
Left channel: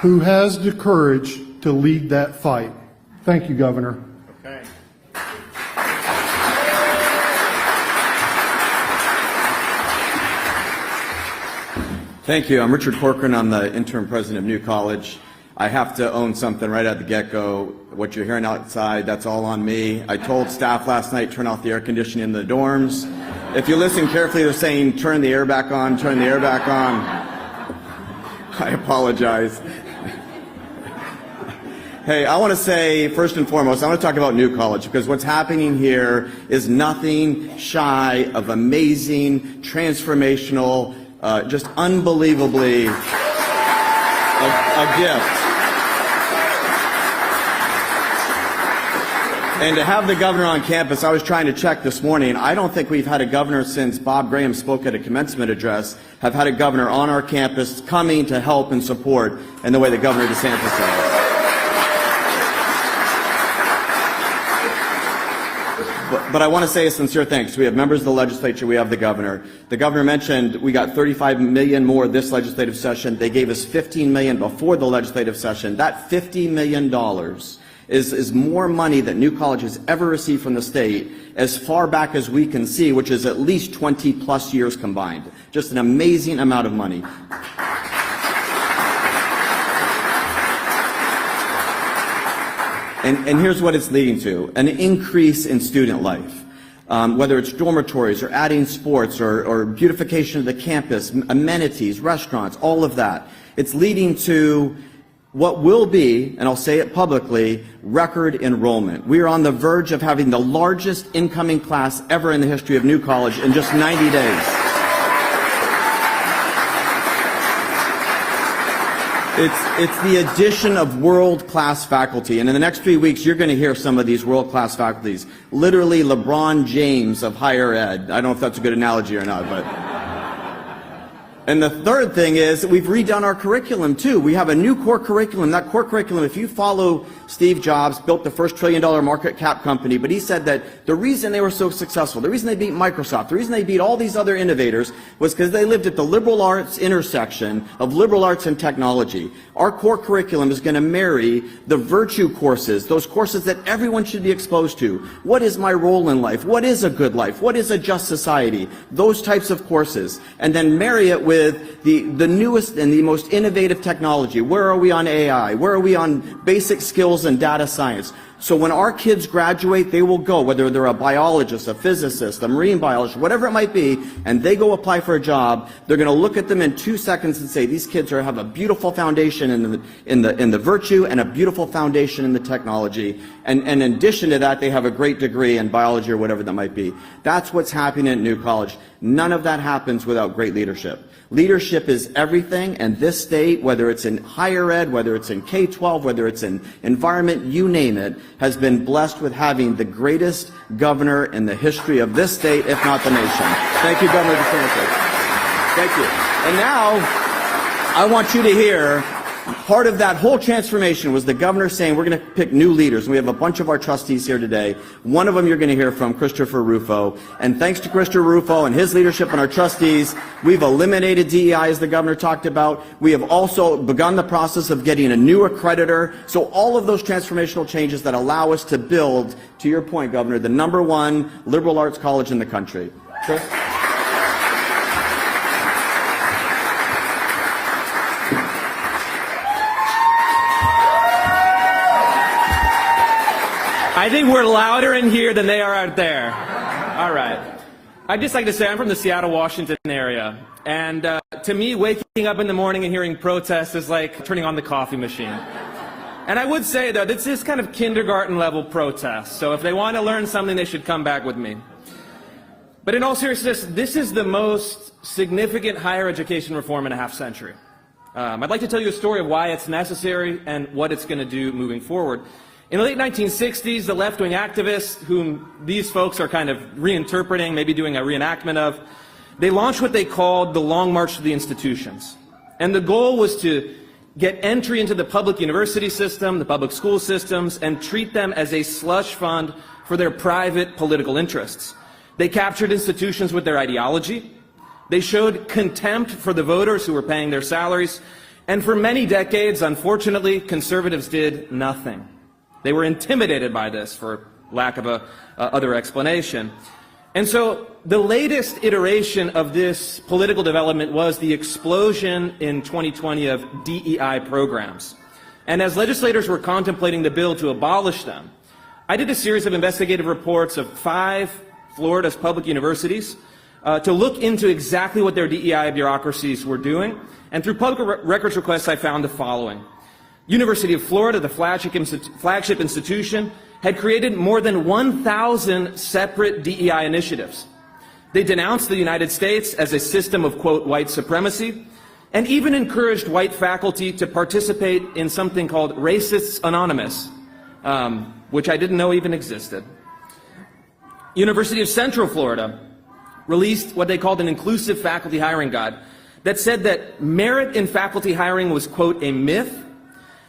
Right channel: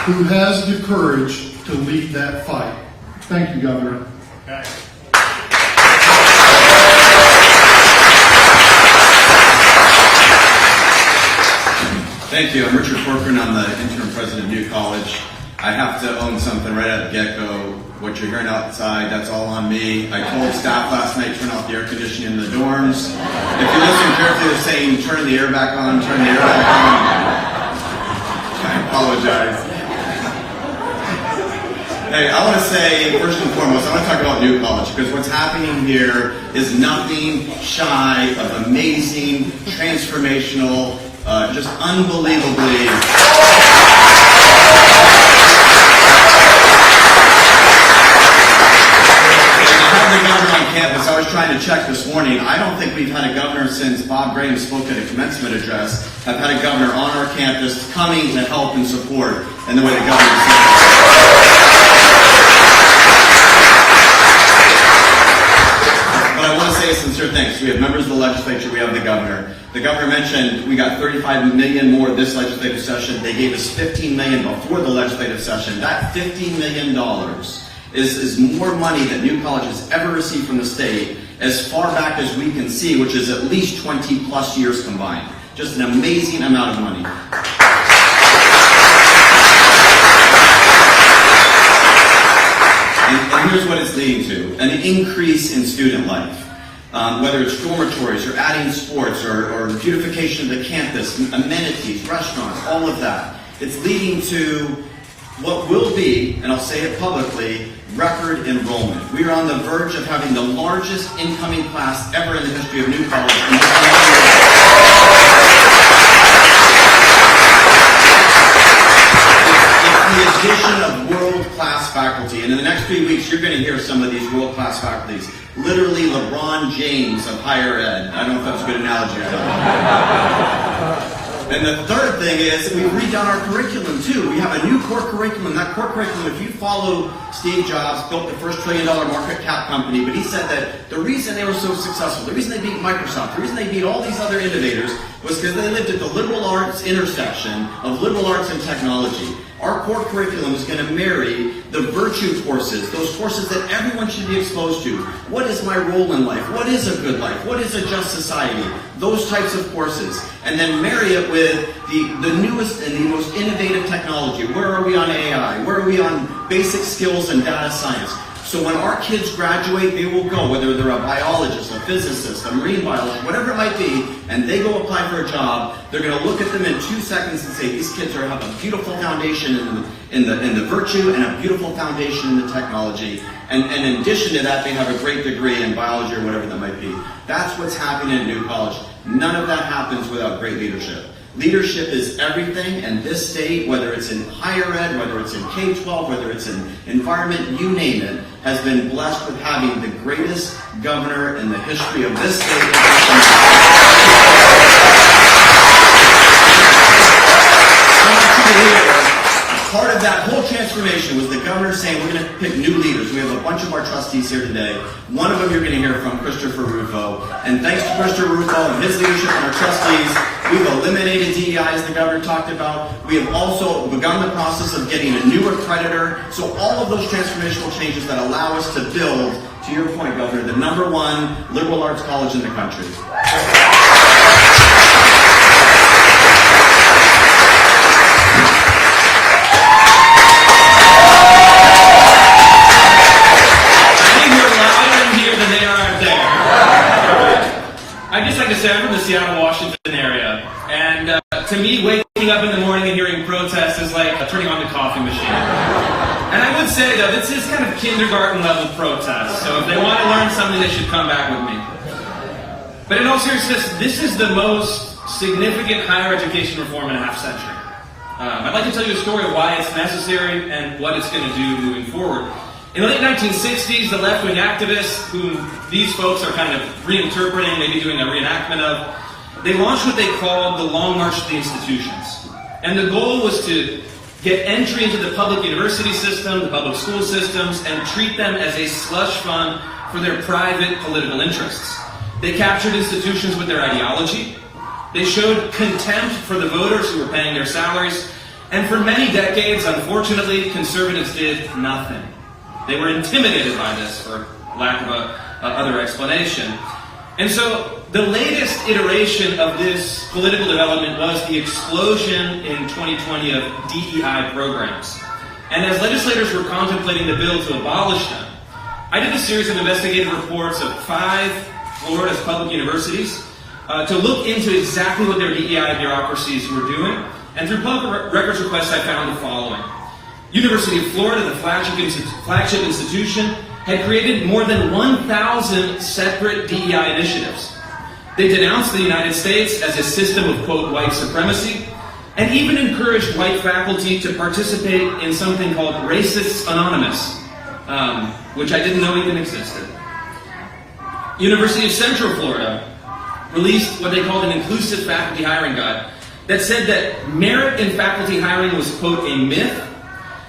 Who has the courage to lead that fight. Thank you, Governor. Thank you. I'm Richard Corcoran. I'm the interim president of New College. I have to own something right at the get-go. What you're hearing outside, that's all on me. I told staff last night, turn off the air conditioning in the dorms. If you listen carefully to saying, turn the air back on, turn the air back on, I apologize. Hey, I want to say, first and foremost, I want to talk about New College, because what's happening here is nothing shy of amazing, transformational, just unbelievably... Campus. I was trying to check this morning. I don't think we've had a governor since Bob Graham spoke at a commencement address. I've had a governor on our campus coming to help and support in the way that Governor DeSantis. But I want to say a sincere thanks. We have members of the legislature. We have the governor. The governor mentioned we got $35 million more this legislative session. They gave us $15 million before the legislative session. That $50 million is more money that New College has ever received from the state as far back as we can see, which is at least 20 plus years combined. Just an amazing amount of money. And here's what it's leading to: an increase in student life. Whether it's dormitories or adding sports or beautification of the campus, amenities, restaurants, all of that. It's leading to what will be, and I'll say it publicly, record enrollment. We are on the verge of having the largest incoming class ever in the history of New College in just 90 days. It's the addition of world-class faculty, and in the next few weeks you're going to hear some of these world-class faculties. Literally LeBron James of higher ed. I don't know if that's a good analogy or not. And the third thing is we've redone our curriculum too. We have a new core curriculum. That core curriculum, if you follow Steve Jobs, built the first $1 trillion market cap company, but he said that the reason they were so successful, the reason they beat Microsoft, the reason they beat all these other innovators was because they lived at the liberal arts intersection of liberal arts and technology. Our core curriculum is going to marry the virtue courses, those courses that everyone should be exposed to. What is my role in life? What is a good life? What is a just society? Those types of courses. And then marry it with the newest and the most innovative technology. Where are we on AI? Where are we on basic skills and data science? So when our kids graduate, they will go, whether they're a biologist, a physicist, a marine biologist, whatever it might be, and they go apply for a job, they're going to look at them in 2 seconds and say, these kids have a beautiful foundation in the virtue and a beautiful foundation in the technology. And in addition to that, they have a great degree in biology or whatever that might be. That's what's happening at New College. None of that happens without great leadership. Leadership is everything, and this state, whether it's in higher ed, whether it's in K-12, whether it's in environment, you name it, has been blessed with having the greatest governor in the history of this state, if not the nation. I want you to hear, part of that whole transformation was the governor saying we're going to pick new leaders. We have a bunch of our trustees here today. One of them you're going to hear from, Christopher Rufo. And thanks to Christopher Rufo and his leadership and our trustees, we've eliminated DEI, as the governor talked about. We have also begun the process of getting a new accreditor. So all of those transformational changes that allow us to build, to your point, Governor, the #1 liberal arts college in the country. I'd just like to say I'm from the Seattle, Washington area, and to me, waking up in the morning and hearing protests is like turning on the coffee machine. And I would say that this is kind of kindergarten level protest, so if they want to learn something, they should come back with me. But in all seriousness, this is the most significant higher education reform in a half century. I'd like to tell you a story of why it's necessary and what it's going to do moving forward. In the late 1960s, the left-wing activists, whom these folks are kind of reinterpreting, maybe doing a reenactment of, they launched what they called the Long March to the Institutions. And the goal was to get entry into the public university system, the public school systems, and treat them as a slush fund for their private political interests. They captured institutions with their ideology. They showed contempt for the voters who were paying their salaries. And for many decades, unfortunately, conservatives did nothing. They were intimidated by this, for lack of a other explanation. And so the latest iteration of this political development was the explosion in 2020 of DEI programs. And as legislators were contemplating the bill to abolish them, I did a series of investigative reports of 5 Florida's public universities to look into exactly what their DEI bureaucracies were doing. And through public records requests, I found the following. University of Florida, the flagship institution, had created more than 1,000 separate DEI initiatives. They denounced the United States as a system of, quote, white supremacy, and even encouraged white faculty to participate in something called Racists Anonymous, which I didn't know even existed. University of Central Florida released what they called an inclusive faculty hiring guide that said that merit in faculty hiring was, quote, a myth,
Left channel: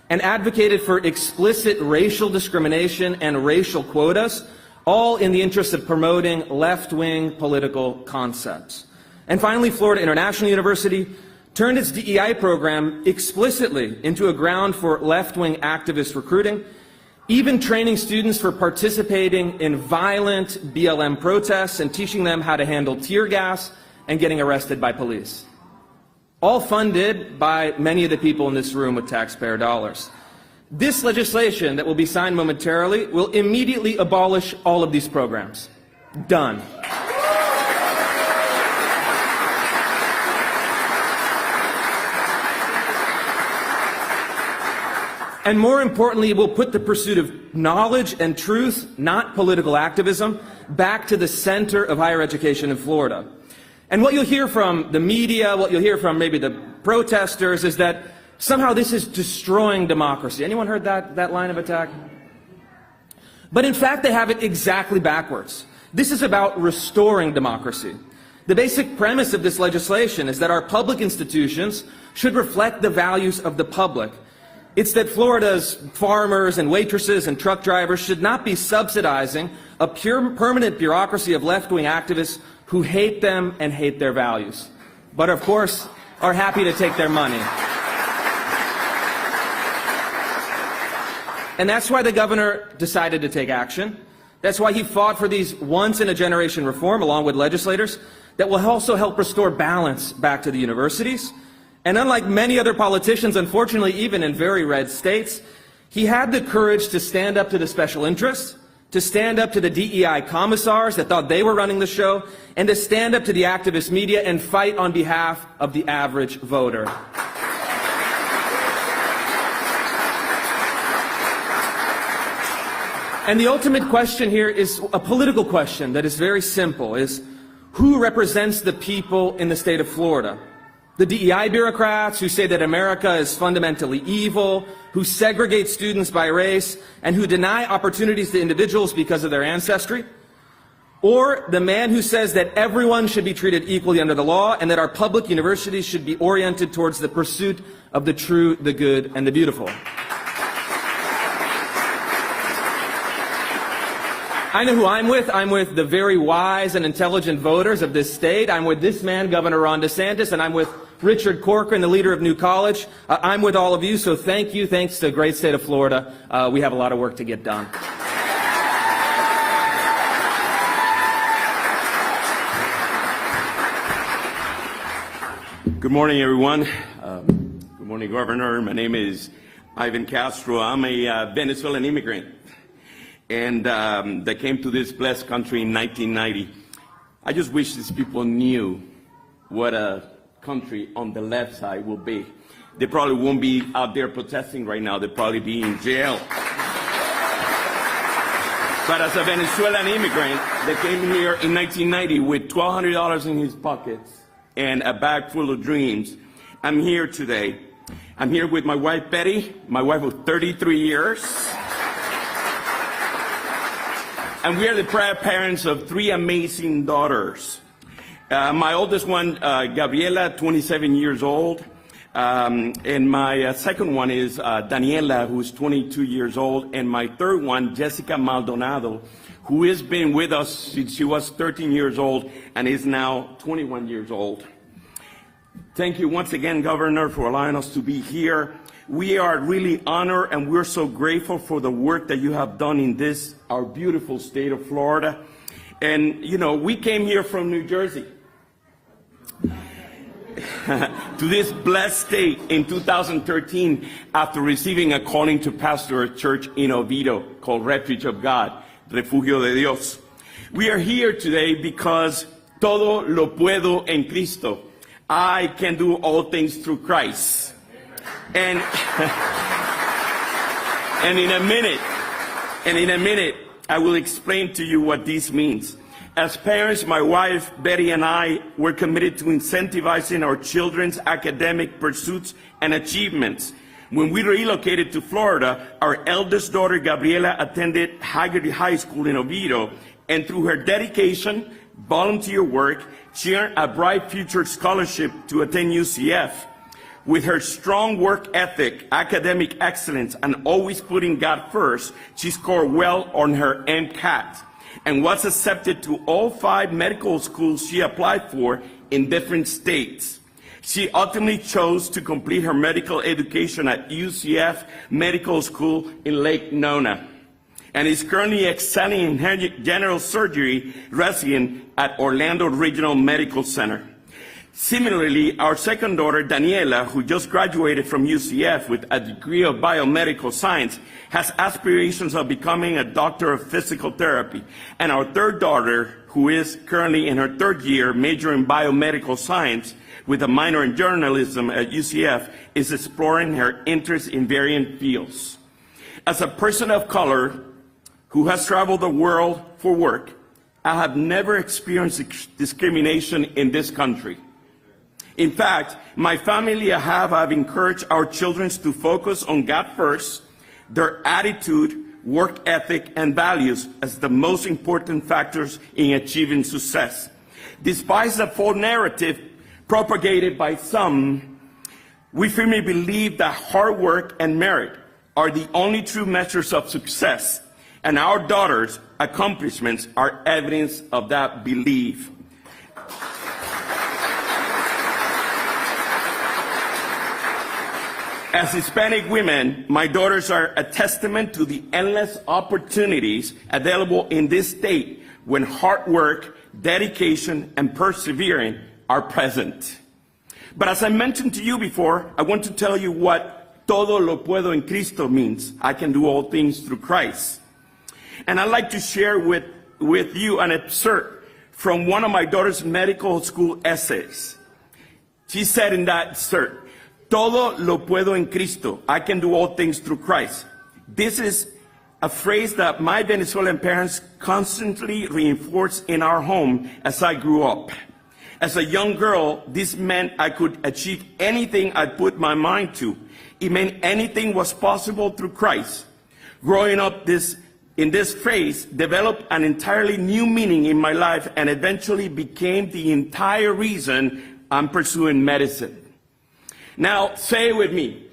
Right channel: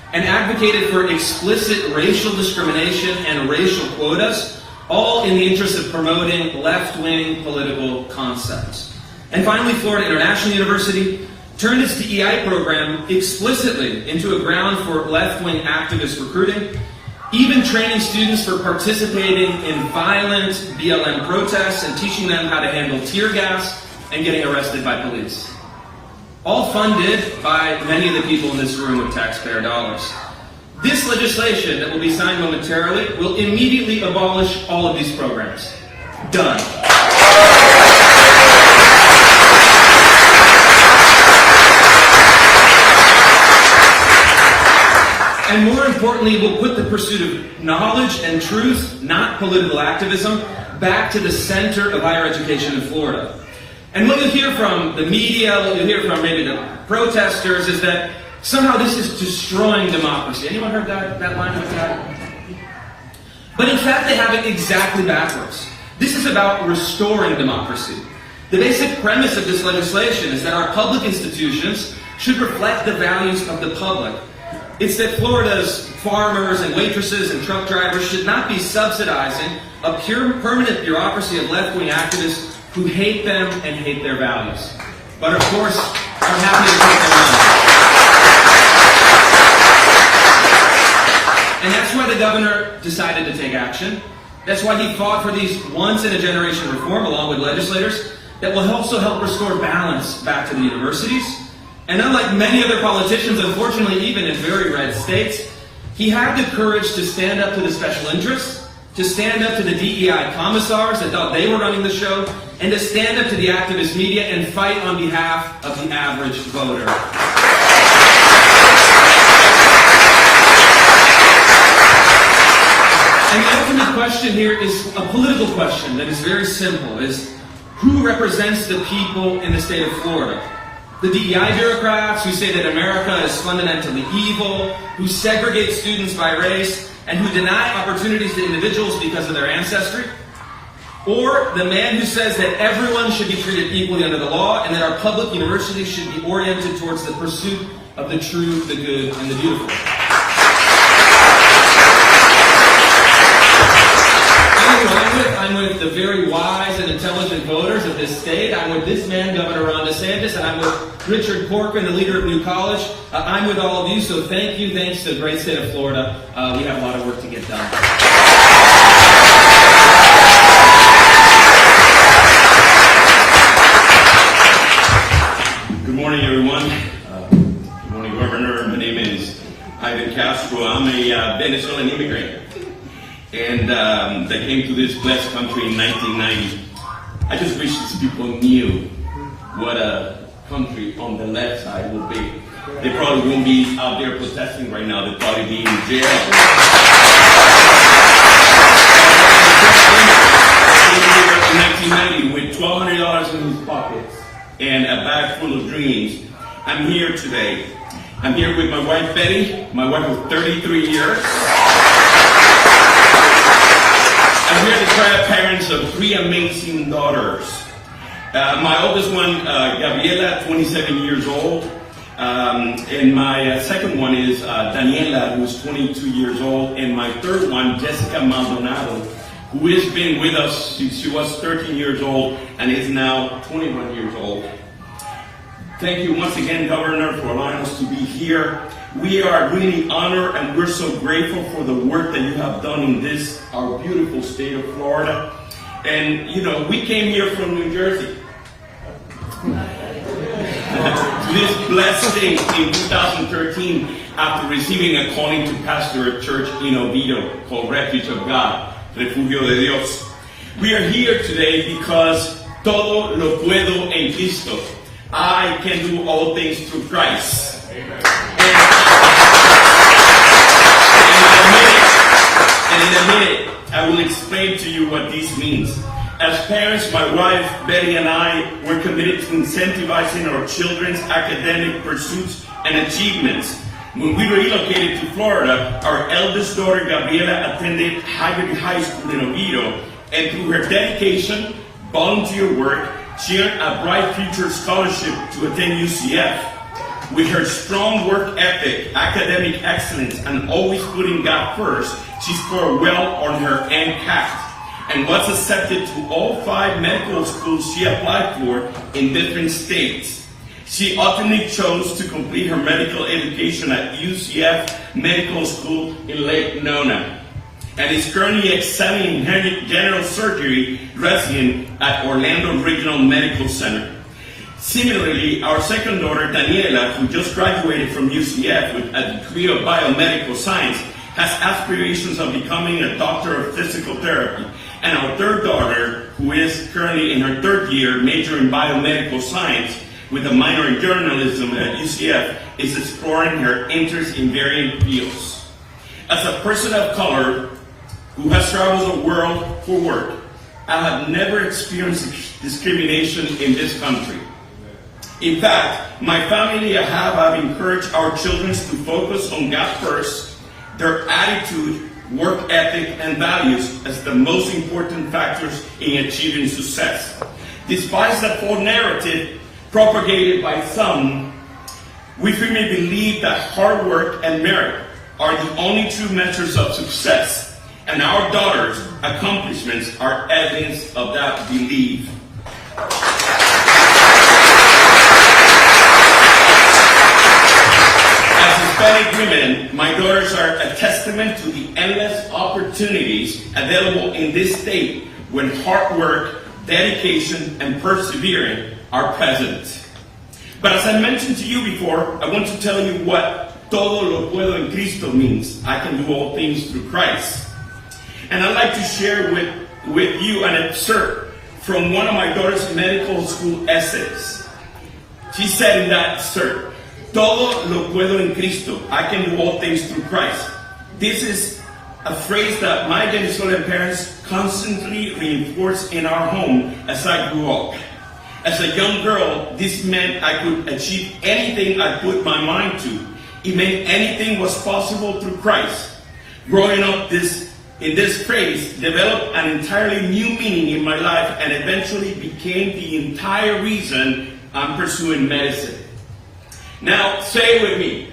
and advocated for explicit racial discrimination and racial quotas, all in the interest of promoting left-wing political concepts. And finally, Florida International University turned its DEI program explicitly into a ground for left-wing activist recruiting, even training students for participating in violent BLM protests and teaching them how to handle tear gas and getting arrested by police. All funded by many of the people in this room with taxpayer dollars. This legislation that will be signed momentarily will immediately abolish all of these programs. Done. And more importantly, we'll put the pursuit of knowledge and truth, not political activism, back to the center of higher education in Florida. And what you'll hear from the media, what you'll hear from maybe the protesters, is that somehow this is destroying democracy. Anyone heard that line with that? But in fact, they have it exactly backwards. This is about restoring democracy. The basic premise of this legislation is that our public institutions should reflect the values of the public. It's that Florida's farmers and waitresses and truck drivers should not be subsidizing a pure permanent bureaucracy of left-wing activists who hate them and hate their values, but of course are happy to take their money. And that's why the governor decided to take action. That's why he fought for these once-in-a-generation reform along with legislators that will also help restore balance back to the universities. And unlike many other politicians, unfortunately even in very red states, he had the courage to stand up to the special interests, to stand up to the DEI commissars that thought they were running the show, and to stand up to the activist media and fight on behalf of the average voter. And the ultimate question here is a political question that is very simple, is who represents the people in the state of Florida? The DEI bureaucrats who say that America is fundamentally evil, who segregate students by race, and who deny opportunities to individuals because of their ancestry? Or the man who says that everyone should be treated equally under the law and that our public universities should be oriented towards the pursuit of the true, the good, and the beautiful? I'm with the very wise and intelligent voters of this state. I'm with this man, Governor Ron DeSantis, and I'm with Richard Corcoran, the leader of New College. I'm with all of you, so thank you. Thanks to the great state of Florida. We have a lot of work to get done. Good morning, everyone. Good morning, Governor. My name is Ivan Castro. I'm a Venezuelan immigrant. And that came to this blessed country in 1990. I just wish these people knew what a country on the left side will be. They probably won't be out there protesting right now. They'll probably be in jail. In 1990 with $1,200 in his pockets and a bag full of dreams. I'm here today. I'm here with my wife Betty, my wife of 33 years. I'm here to try parents of 3 amazing daughters. My oldest one, Gabriela, 27 years old. And my second one is Daniela, who's 22 years old. And my third one, Jessica Maldonado, who has been with us since she was 13 years old and is now 21 years old. Thank you once again, Governor, for allowing us to be here. We are really honored and we're so grateful for the work that you have done in this, our beautiful state of Florida. And, you know, we came here from New Jersey to this blessed state in 2013 after receiving a calling to pastor a church in Oviedo called Refuge of God, Refugio de Dios. We are here today because todo lo puedo en Cristo. I can do all things through Christ. And in a minute, I will explain to you what this means. As parents, my wife, Betty, and I were committed to incentivizing our children's academic pursuits and achievements. When we relocated to Florida, our eldest daughter, Gabriela, attended Haggerty High School in Oviedo, and through her dedication, volunteer work, she earned a Bright Future Scholarship to attend UCF. With her strong work ethic, academic excellence, and always putting God first, she scored well on her MCAT and was accepted to all 5 medical schools she applied for in different states. She ultimately chose to complete her medical education at UCF Medical School in Lake Nona, and is currently excelling in general surgery resident at Orlando Regional Medical Center. Similarly, our second daughter, Daniela, who just graduated from UCF with a degree of biomedical science, has aspirations of becoming a doctor of physical therapy. And our third daughter, who is currently in her 3rd year, major in biomedical science with a minor in journalism at UCF, is exploring her interest in varying fields. As a person of color who has traveled the world for work, I have never experienced discrimination in this country. In fact, my family and I have encouraged our children to focus on God first, their attitude, work ethic, and values as the most important factors in achieving success. Despite the false narrative propagated by some, we firmly believe that hard work and merit are the only true measures of success, and our daughters' accomplishments are evidence of that belief. Hispanic women, my daughters are a testament to the endless opportunities available in this state when hard work, dedication, and perseverance are present. But as I mentioned to you before, I want to tell you what todo lo puedo en Cristo means. I can do all things through Christ. And I'd like to share with you an excerpt from one of my daughter's medical school essays. She said in that excerpt, todo lo puedo en Cristo. I can do all things through Christ. This is a phrase that my Venezuelan parents constantly reinforced in our home as I grew up. As a young girl, this meant I could achieve anything I put my mind to. It meant anything was possible through Christ. Growing up in this phrase developed an entirely new meaning in my life and eventually became the entire reason I'm pursuing medicine. Now, say it with me.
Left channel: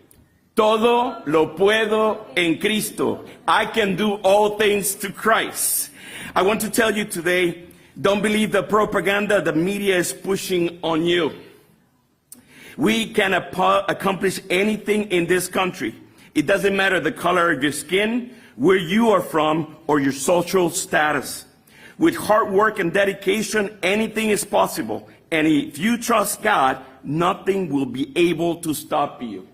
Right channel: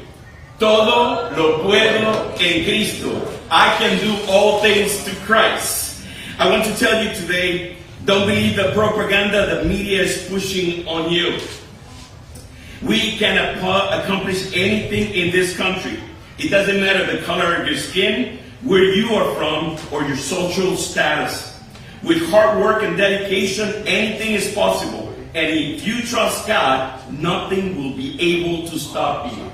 Todo lo puedo en Cristo. I can do all things through Christ. I want to tell you today, don't believe the propaganda the media is pushing on you. We can accomplish anything in this country. It doesn't matter the color of your skin, where you are from, or your social status. With hard work and dedication, anything is possible. And if you trust God, nothing will be able to stop you.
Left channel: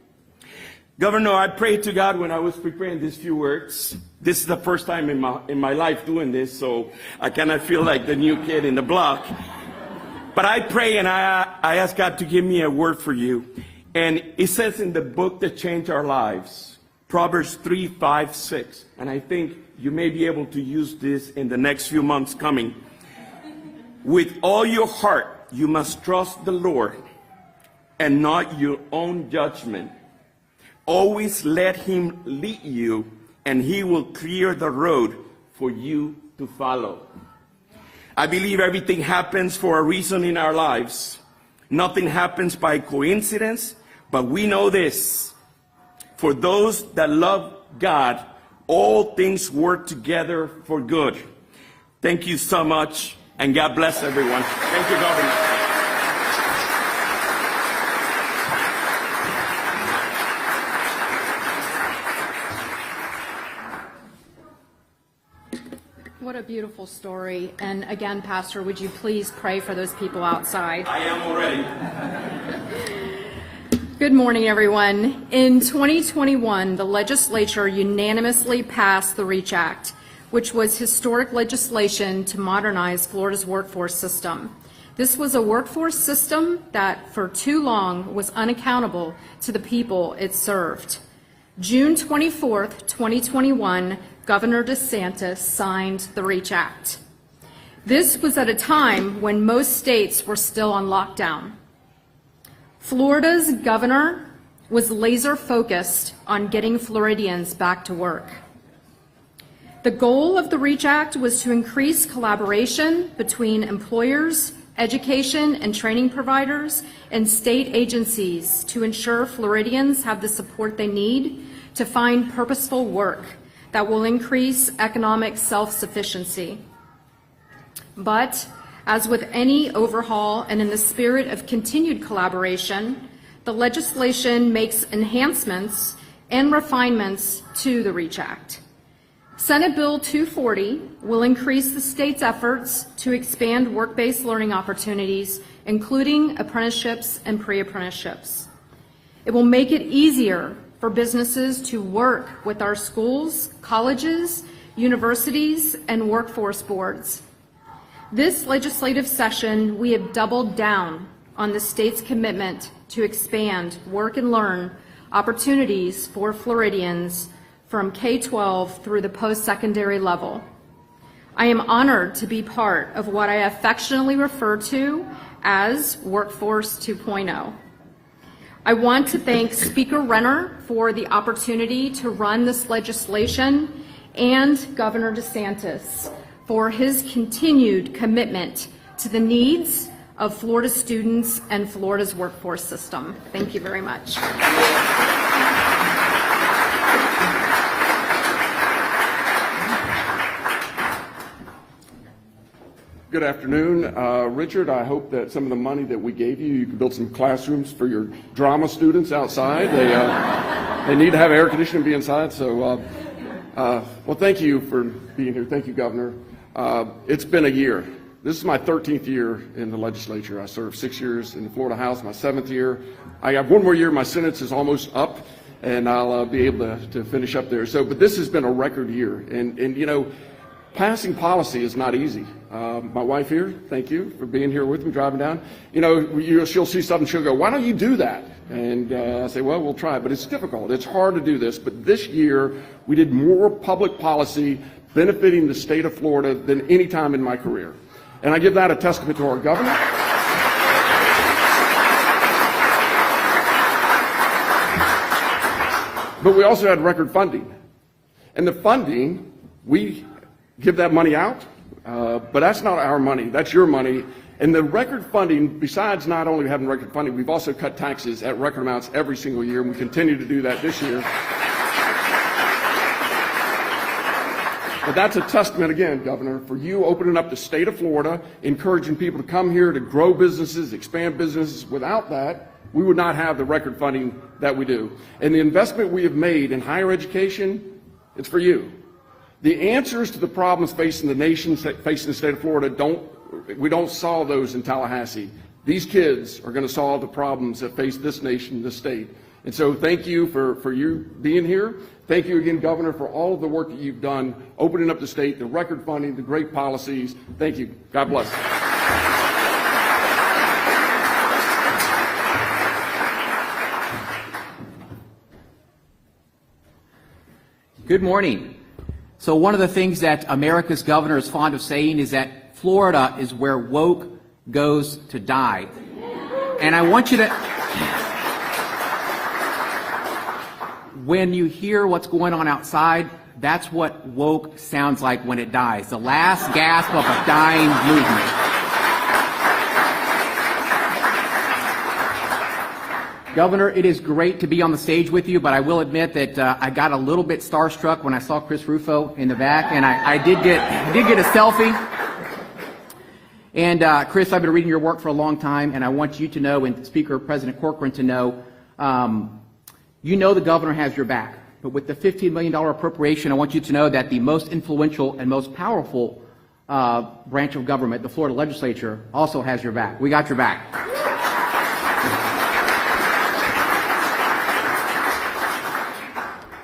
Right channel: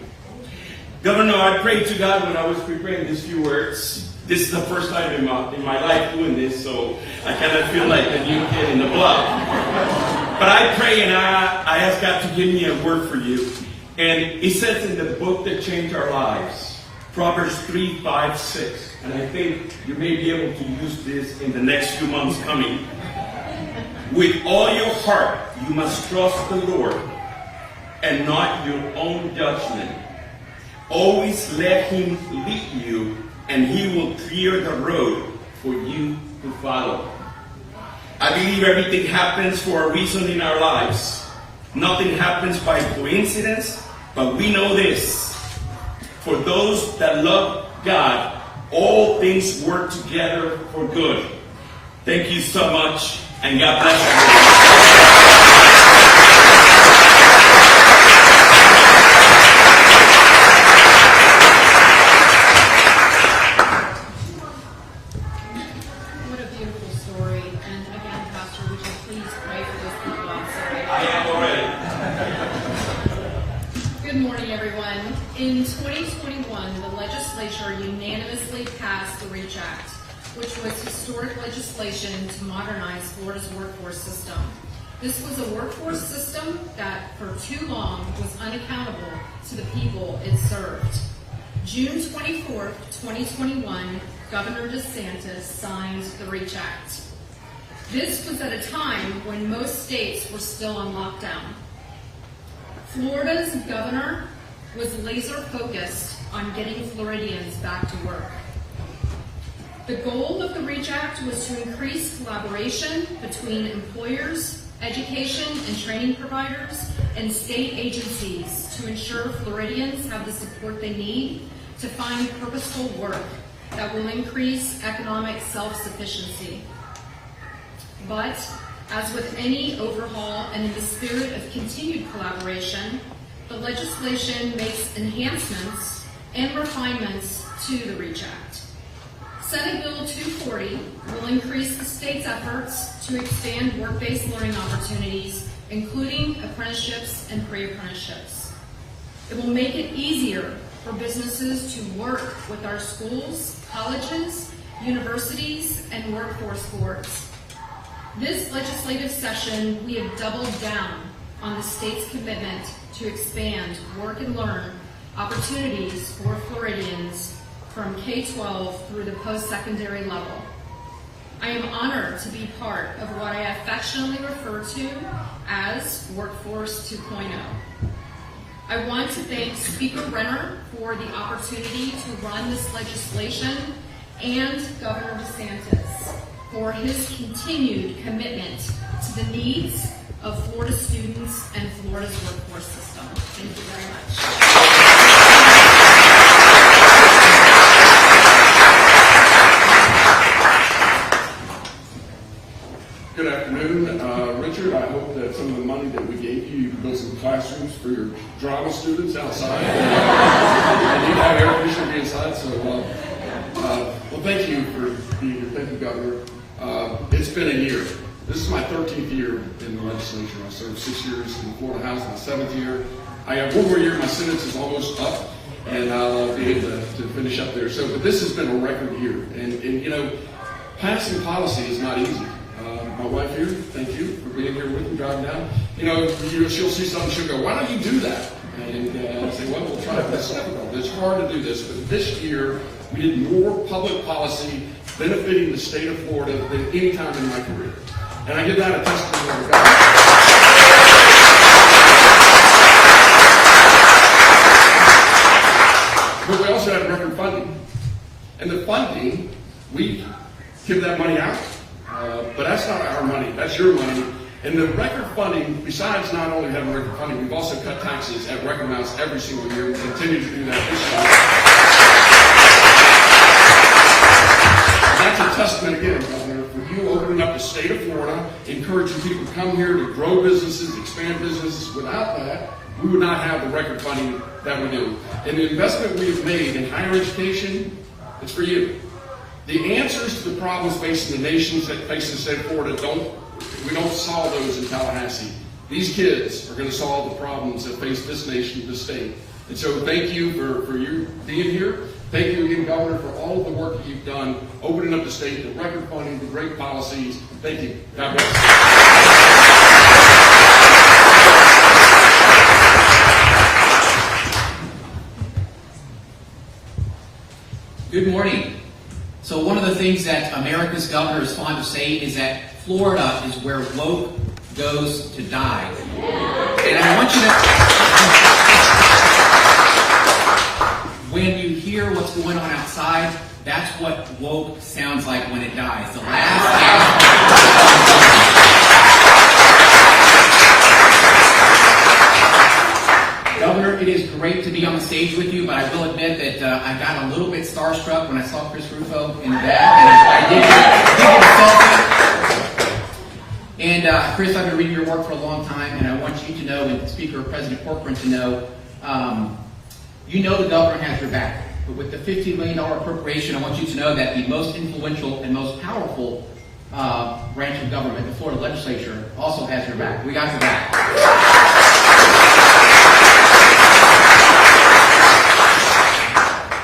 Governor, I prayed to God when I was preparing these few words. This is the first time in my life doing this, so I kind of feel like a new kid in the block. But I pray and I ask God to give me a word for you. And it says in the book that changed our lives, Proverbs 3, 5, 6. And I think you may be able to use this in the next few months coming. With all your heart, you must trust the Lord and not your own judgment. Always let Him lead you, and He will clear the road for you to follow. I believe everything happens for a reason in our lives. Nothing happens by coincidence, But we know this: for those that love God, all things work together for good. Thank you so much, and God bless everyone. What a beautiful story. And again, Pastor, would you please pray for those people outside? I am already. Good morning, everyone. In 2021, the legislature unanimously passed the REACH Act, which was historic legislation to modernize Florida's workforce system. This was a workforce system that for too long was unaccountable to the people it served. June 24th, 2021, Governor DeSantis signed the REACH Act. This was at a time when most states were still on lockdown. Florida's governor was laser focused on getting Floridians back to work. The goal of the REACH Act was to increase collaboration between employers, education and training providers, and state agencies to ensure Floridians have the support they need to find purposeful work that will increase economic self-sufficiency. But as with any overhaul and in the spirit of continued collaboration, the legislation makes enhancements and refinements to the REACH Act. Senate Bill 240 will increase the state's efforts to expand work-based learning opportunities, including apprenticeships and pre-apprenticeships. It will make it easier for businesses to work with our schools, colleges, universities, and workforce boards. This legislative session, we have doubled down on the state's commitment to expand work and learn opportunities for Floridians from K-12 through the post-secondary level. I am honored to be part of what I affectionately refer to as Workforce 2.0. I want to thank Speaker Renner for the opportunity to run this legislation and Governor DeSantis for his continued commitment to the needs of Florida students and Florida's workforce system. Thank you very much. Good afternoon. Richard, I hope that some of the money that we gave you, you can build some classrooms for your drama students outside. They need to have air conditioning be inside. So, well, thank you for being here. Thank you, Governor. It's been a year. This is my 13th year in the legislature. I served 6 years in the Florida House, my 7th year. I got one more year. My sentence is almost up, and I'll be able to finish up there. So, but this has been a record year. And you know, passing policy is not easy. My wife here, thank you for being here with me, driving down. You know, she'll see something, she'll go, why don't you do that? And I'll say, well, we'll try it, but it's difficult. It's hard to do this. But this year, we did more public policy benefiting the state of Florida than any time in my career. And I give that a testament to our government. But we also had record funding. And the funding, we give that money out. But that's not our money, that's your money. And the record funding, besides not only having record funding, we've also cut taxes at record amounts every single year and continue to do that this year. So that's a testament again, Governor, for you opening up the state of Florida, encouraging people to come here to grow businesses, expand businesses. Without that, we would not have the record funding that we do. And the investment we have made in higher education is for you. The answers to the problems facing the nation, facing the state of Florida, we don't solve those in Tallahassee. These kids are going to solve the problems that face this nation, this state. And so thank you for you being here. Thank you again, Governor, for all of the work that you've done, opening up the state, the record funding, the great policies. Thank you. God bless. Good morning. So one of the things that America's governor is fond of saying is that Florida is where woke goes to die. And I want you to, when you hear what's going on outside, that's what woke sounds like when it dies. The last gasp of a dying movement. Governor, it is great to be on the stage with you, but I will admit that I got a little bit starstruck when I saw Chris Rufo in the back, and I did get a selfie. And Chris, I've been reading your work for a long time, and I want you to know, and Speaker President Corcoran to know, you know the governor has your back. But with the $15 million appropriation, I want you to know that the most influential and most powerful branch of government, the Florida legislature, also has your back. We got your back.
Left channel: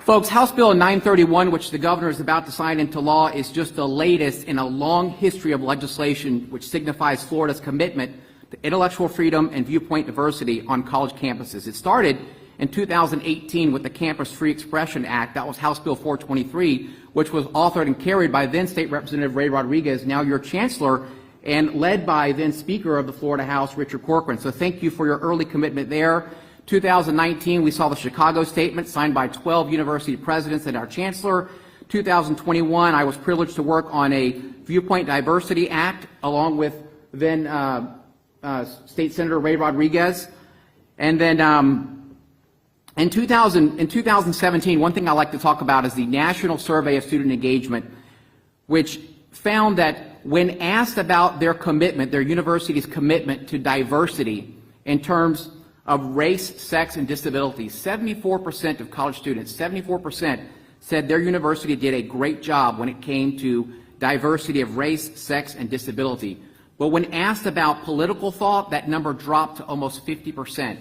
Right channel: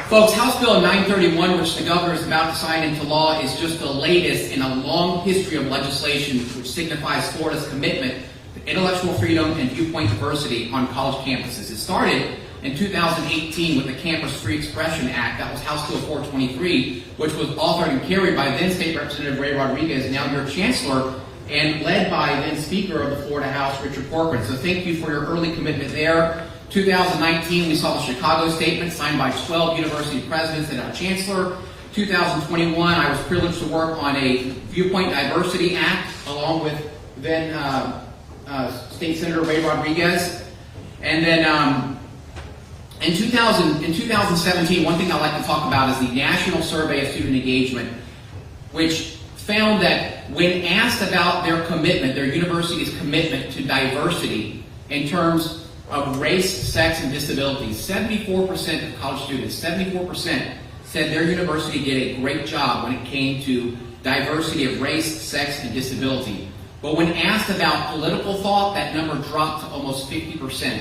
Folks, House Bill 931, which the governor is about to sign into law, is just the latest in a long history of legislation which signifies Florida's commitment to intellectual freedom and viewpoint diversity on college campuses. It started in 2018 with the Campus Free Expression Act. That was House Bill 423, which was authored and carried by then State Representative Ray Rodriguez, now your Chancellor, and led by then Speaker of the Florida House, Richard Corcoran. So thank you for your early commitment there. 2019, we saw the Chicago Statement signed by 12 university presidents and our chancellor. 2021, I was privileged to work on a Viewpoint Diversity Act along with then State Senator Ray Rodriguez. And then in 2017, one thing I like to talk about is the National Survey of Student Engagement, which found that when asked about their commitment, their university's commitment to diversity in terms of race, sex, and disability, 74% of college students, 74% said their university did a great job when it came to diversity of race, sex, and disability. But when asked about political thought, that number dropped to almost 50%.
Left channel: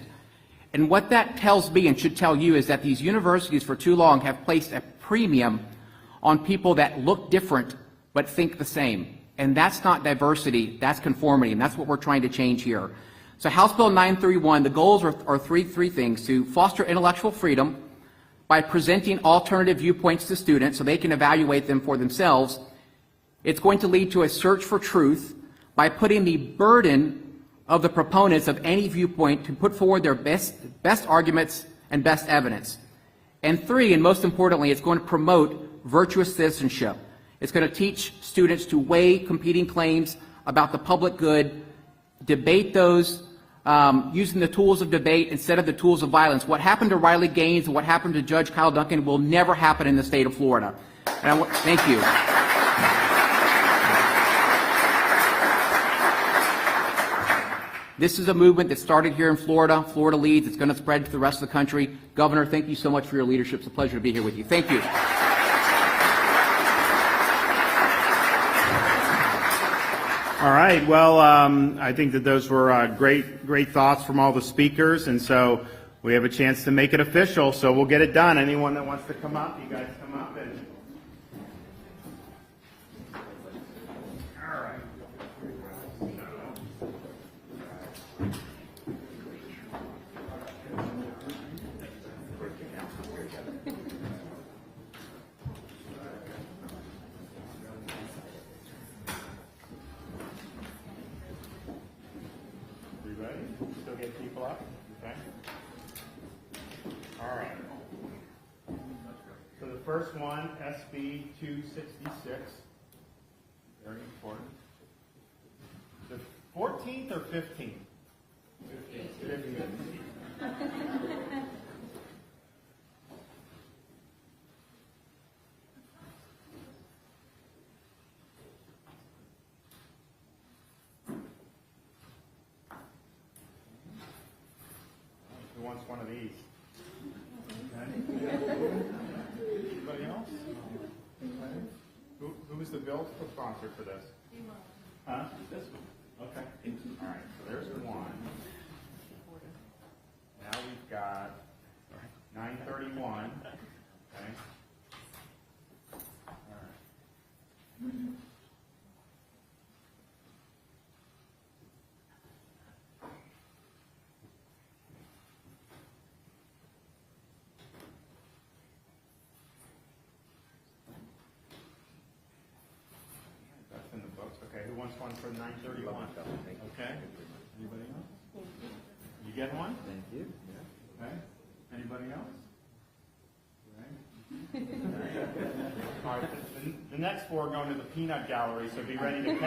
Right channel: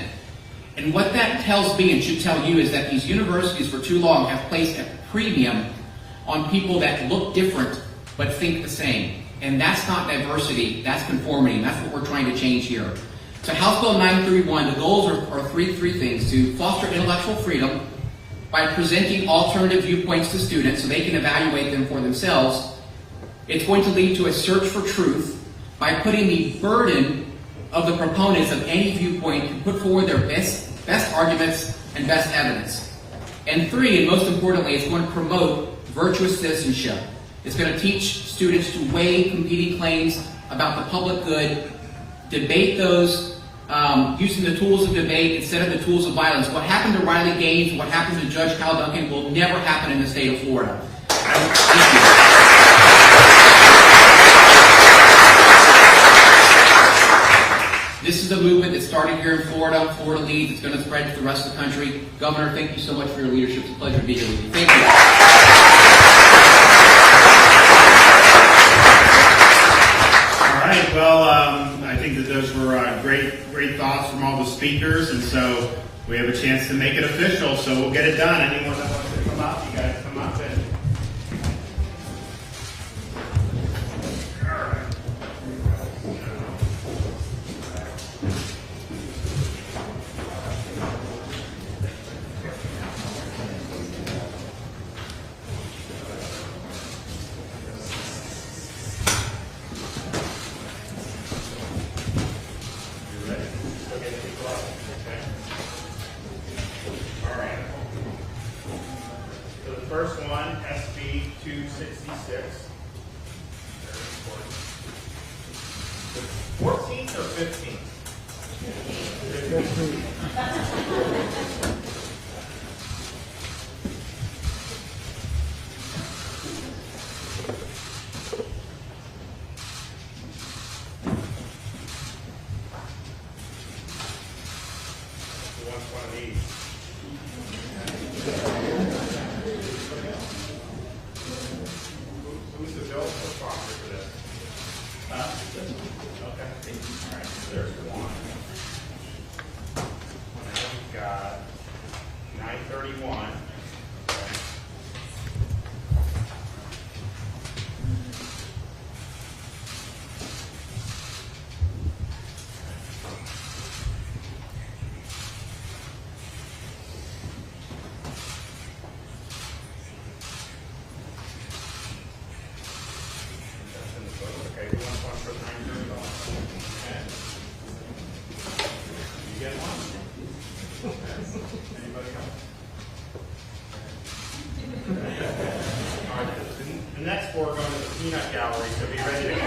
And what that tells me, and should tell you, is that these universities for too long have placed a premium on people that look different but think the same. And that's not diversity, that's conformity, and that's what we're trying to change here. So House Bill 931, the goals are three things: to foster intellectual freedom by presenting alternative viewpoints to students so they can evaluate them for themselves. It's going to lead to a search for truth by putting the burden of the proponents of any viewpoint to put forward their best arguments and best evidence. And three, and most importantly, it's going to promote virtuous citizenship. It's going to teach students to weigh competing claims about the public good, debate those using the tools of debate instead of the tools of violence. What happened to Riley Gaines and what happened to Judge Hal Duncan will never happen in the state of Florida. Thank you. This is a movement that started here in Florida. Florida leads. It's going to spread to the rest of the country. Governor, thank you so much for your leadership. It's a pleasure to be here with you. Thank you. Well, I think that those were great thoughts from all the speakers, and so we have a chance to make it official, so we'll get it done. Anyone that wants to come up, you guys come up and... First one, SB 266. 14th or 15th? 15th. Next, we're going to the peanut gallery, so be ready to go.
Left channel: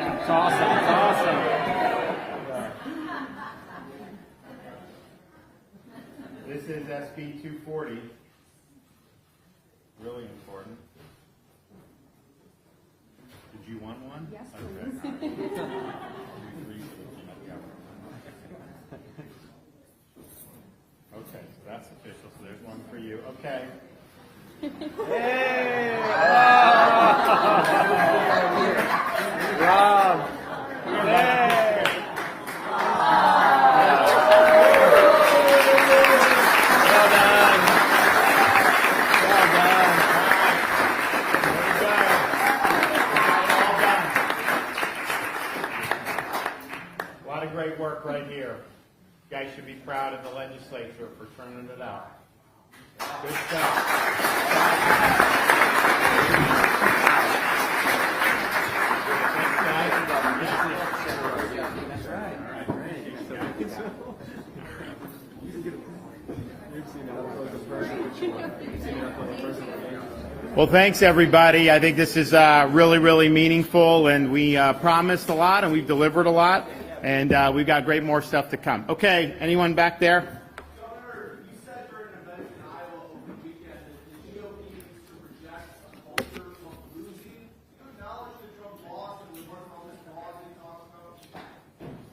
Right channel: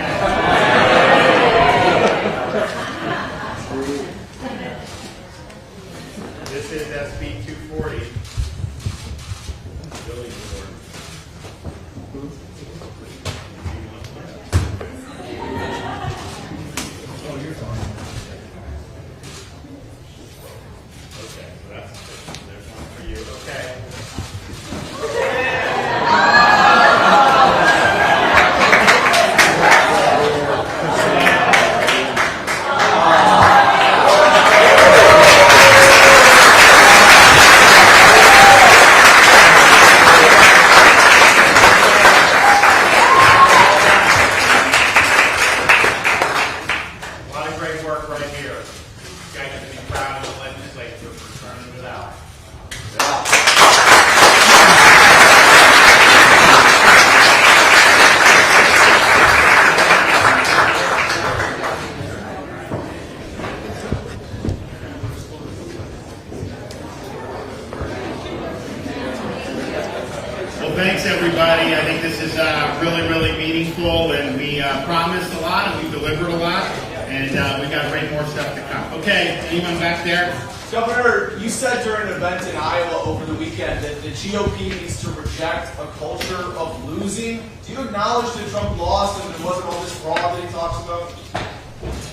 Well, thanks everybody. I think this is really, really meaningful, and we promised a lot, and we delivered a lot, and we've got great more stuff to come. Okay, anyone back there? Governor, you said during an event in Iowa over the weekend that the GOP needs to reject a culture of losing. Do you acknowledge that Trump lost and there wasn't all this fraud that he talks about?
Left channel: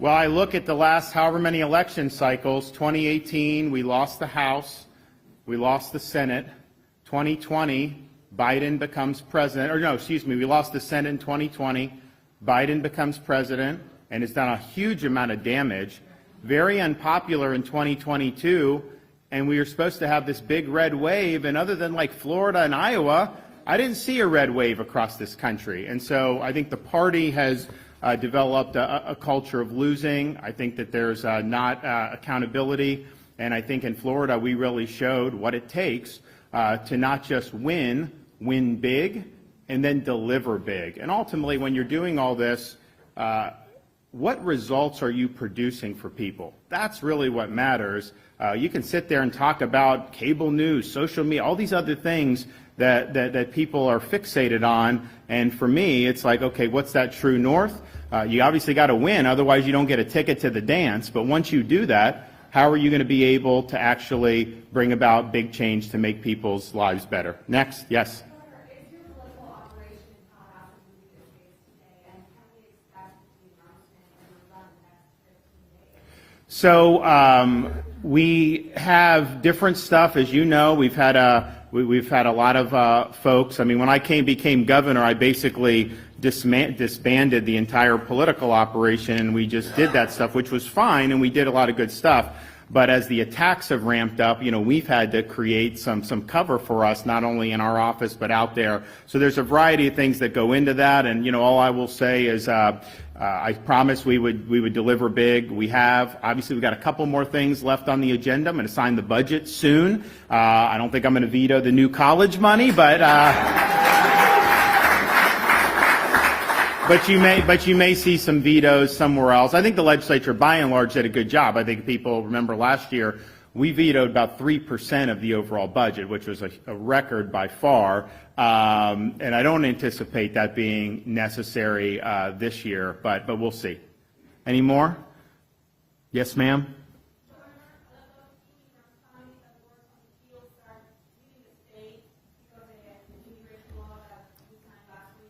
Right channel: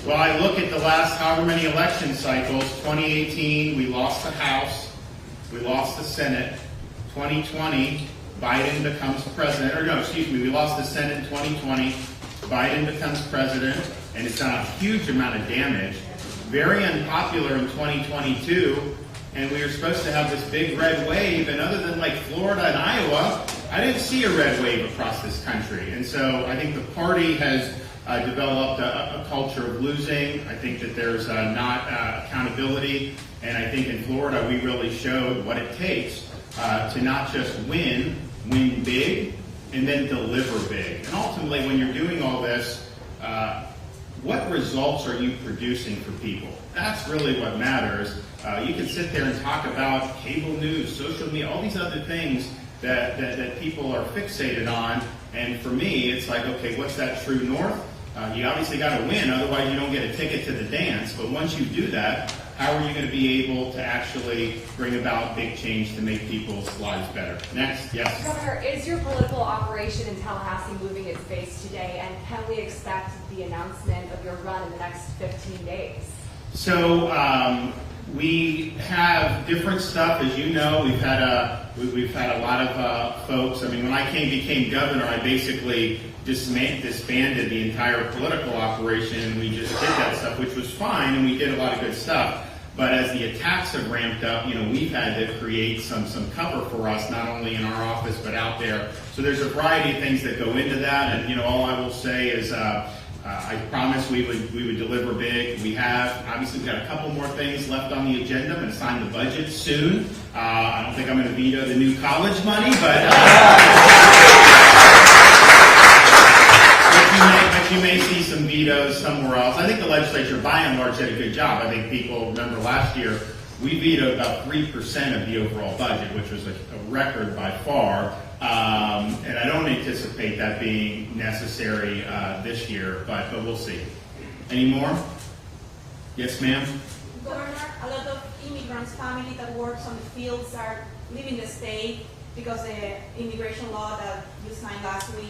Well, I look at the last however many election cycles. 2018, we lost the House, we lost the Senate. 2020, Biden becomes president, or no, excuse me, we lost the Senate in 2020, Biden becomes president, and it's done a huge amount of damage. Very unpopular in 2022, and we were supposed to have this big red wave, and other than like Florida and Iowa, I didn't see a red wave across this country. And so I think the party has developed a culture of losing. I think that there's not accountability, and I think in Florida we really showed what it takes to not just win big, and then deliver big. And ultimately, when you're doing all this, what results are you producing for people? That's really what matters. You can sit there and talk about cable news, social media, all these other things that people are fixated on. And for me, it's like, okay, what's that true north? You obviously got to win, otherwise you don't get a ticket to the dance. But once you do that, how are you going to be able to actually bring about big change to make people's lives better? Next, yes. Governor, is your political operation in Tallahassee moving its base today, and can we expect the announcement of your run in the next 15 days? So we have different stuff, as you know. We've had a lot of folks. I mean, when I became governor, I basically disbanded the entire political operation. We just did that stuff, which was fine, and we did a lot of good stuff. But as the attacks have ramped up, we've had to create some cover for us, not only in our office but out there. So there's a variety of things that go into that, and all I will say is I promised we would deliver big. We have. Obviously, we've got a couple more things left on the agenda. I'm going to sign the budget soon. I don't think I'm going to veto the new college money, but you may see some vetoes somewhere else. I think the legislature, by and large, did a good job. I think people remember last year we vetoed about 3% of the overall budget, which was a record by far. And I don't anticipate that being necessary this year, but we'll see. Any more? Yes, ma'am. Governor, a lot of immigrants, family that works on the fields are leaving the state because of the immigration law that you signed last week.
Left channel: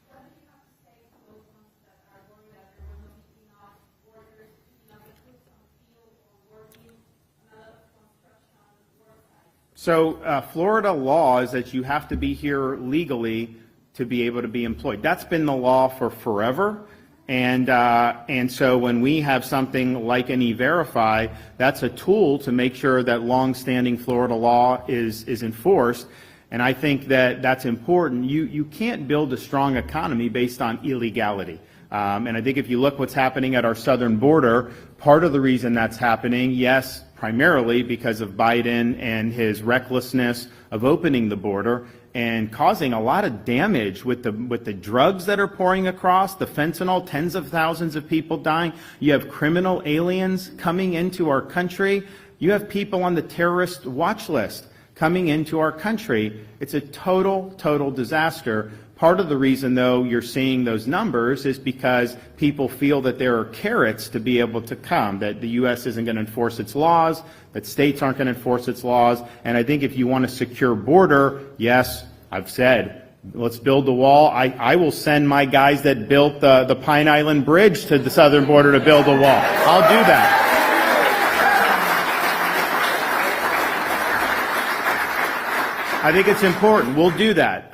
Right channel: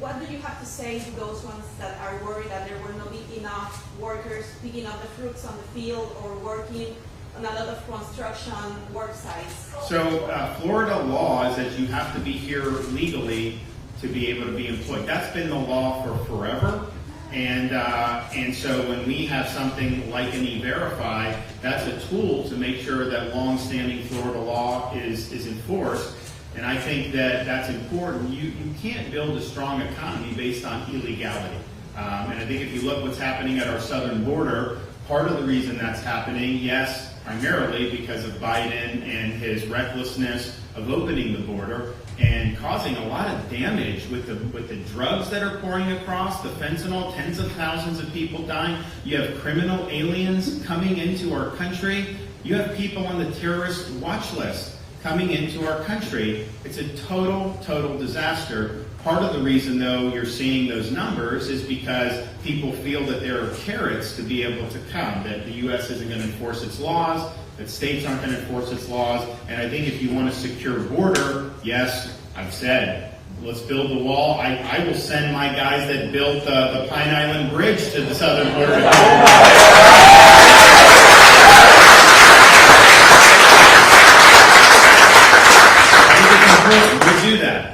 What do you have to say to those ones that are worried that there will not be enough workers picking up the fruits on the field or working on a lot of construction work sites? So Florida law is that you have to be here legally to be able to be employed. That's been the law for forever. And so when we have something like an E-Verify, that's a tool to make sure that long-standing Florida law is enforced. And I think that that's important. You can't build a strong economy based on illegality. And I think if you look what's happening at our southern border, part of the reason that's happening, yes, primarily because of Biden and his recklessness of opening the border and causing a lot of damage with the drugs that are pouring across, the fentanyl, tens of thousands of people dying. You have criminal aliens coming into our country. You have people on the terrorist watch list coming into our country. It's a total disaster. Part of the reason, though, you're seeing those numbers is because people feel that there are carrots to be able to come, that the U.S. isn't going to enforce its laws, that states aren't going to enforce its laws. And I think if you want a secure border, yes, I've said, let's build a wall. I will send my guys that built the Pine Island Bridge to the southern border to build a wall. We'll do that.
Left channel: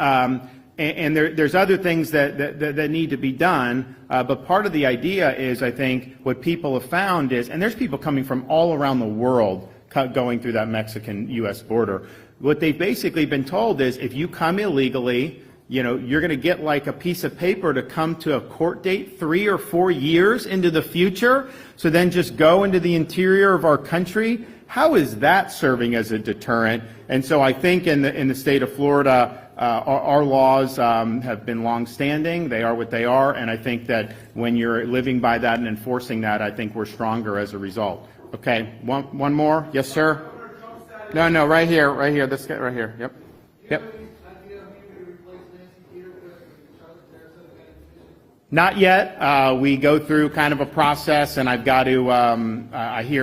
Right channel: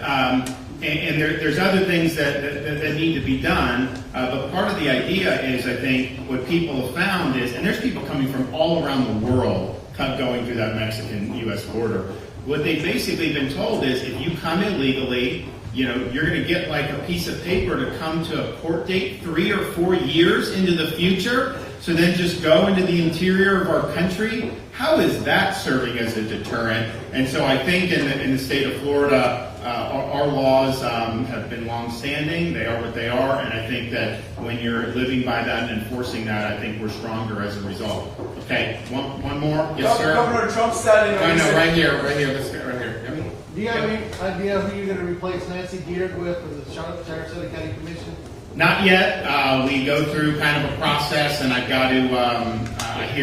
And there's other things that need to be done. But part of the idea is, I think, what people have found is, and there's people coming from all around the world going through that Mexican-U.S. border. What they've basically been told is, if you come illegally, you're going to get like a piece of paper to come to a court date 3 or 4 years into the future. So then just go into the interior of our country. How is that serving as a deterrent? And so I think in the state of Florida, our laws have been long-standing. They are what they are. And I think that when you're living by that and enforcing that, I think we're stronger as a result. Okay, one more? Yes, sir? Governor Trump said... No, right here. Let's get right here. Yep. Do you have any idea who you're going to replace Nancy Geard with from the Sarasota County Commission? Not yet. We go through kind of a process, and I've got to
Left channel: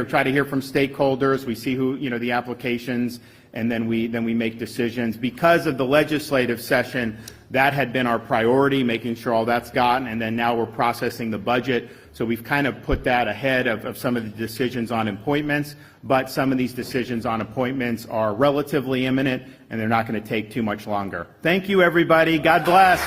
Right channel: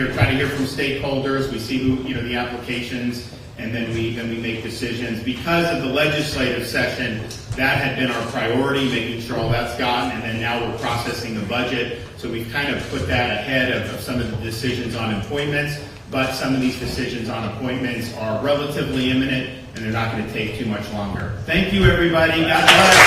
try to hear from stakeholders. We see who, the applications, and then we make decisions. Because of the legislative session, that had been our priority, making sure all that's gotten, and then now we're processing the budget. So we've kind of put that ahead of some of the decisions on appointments. But some of these decisions on appointments are relatively imminent, and they're not going to take too much longer. Thank you, everybody. God bless.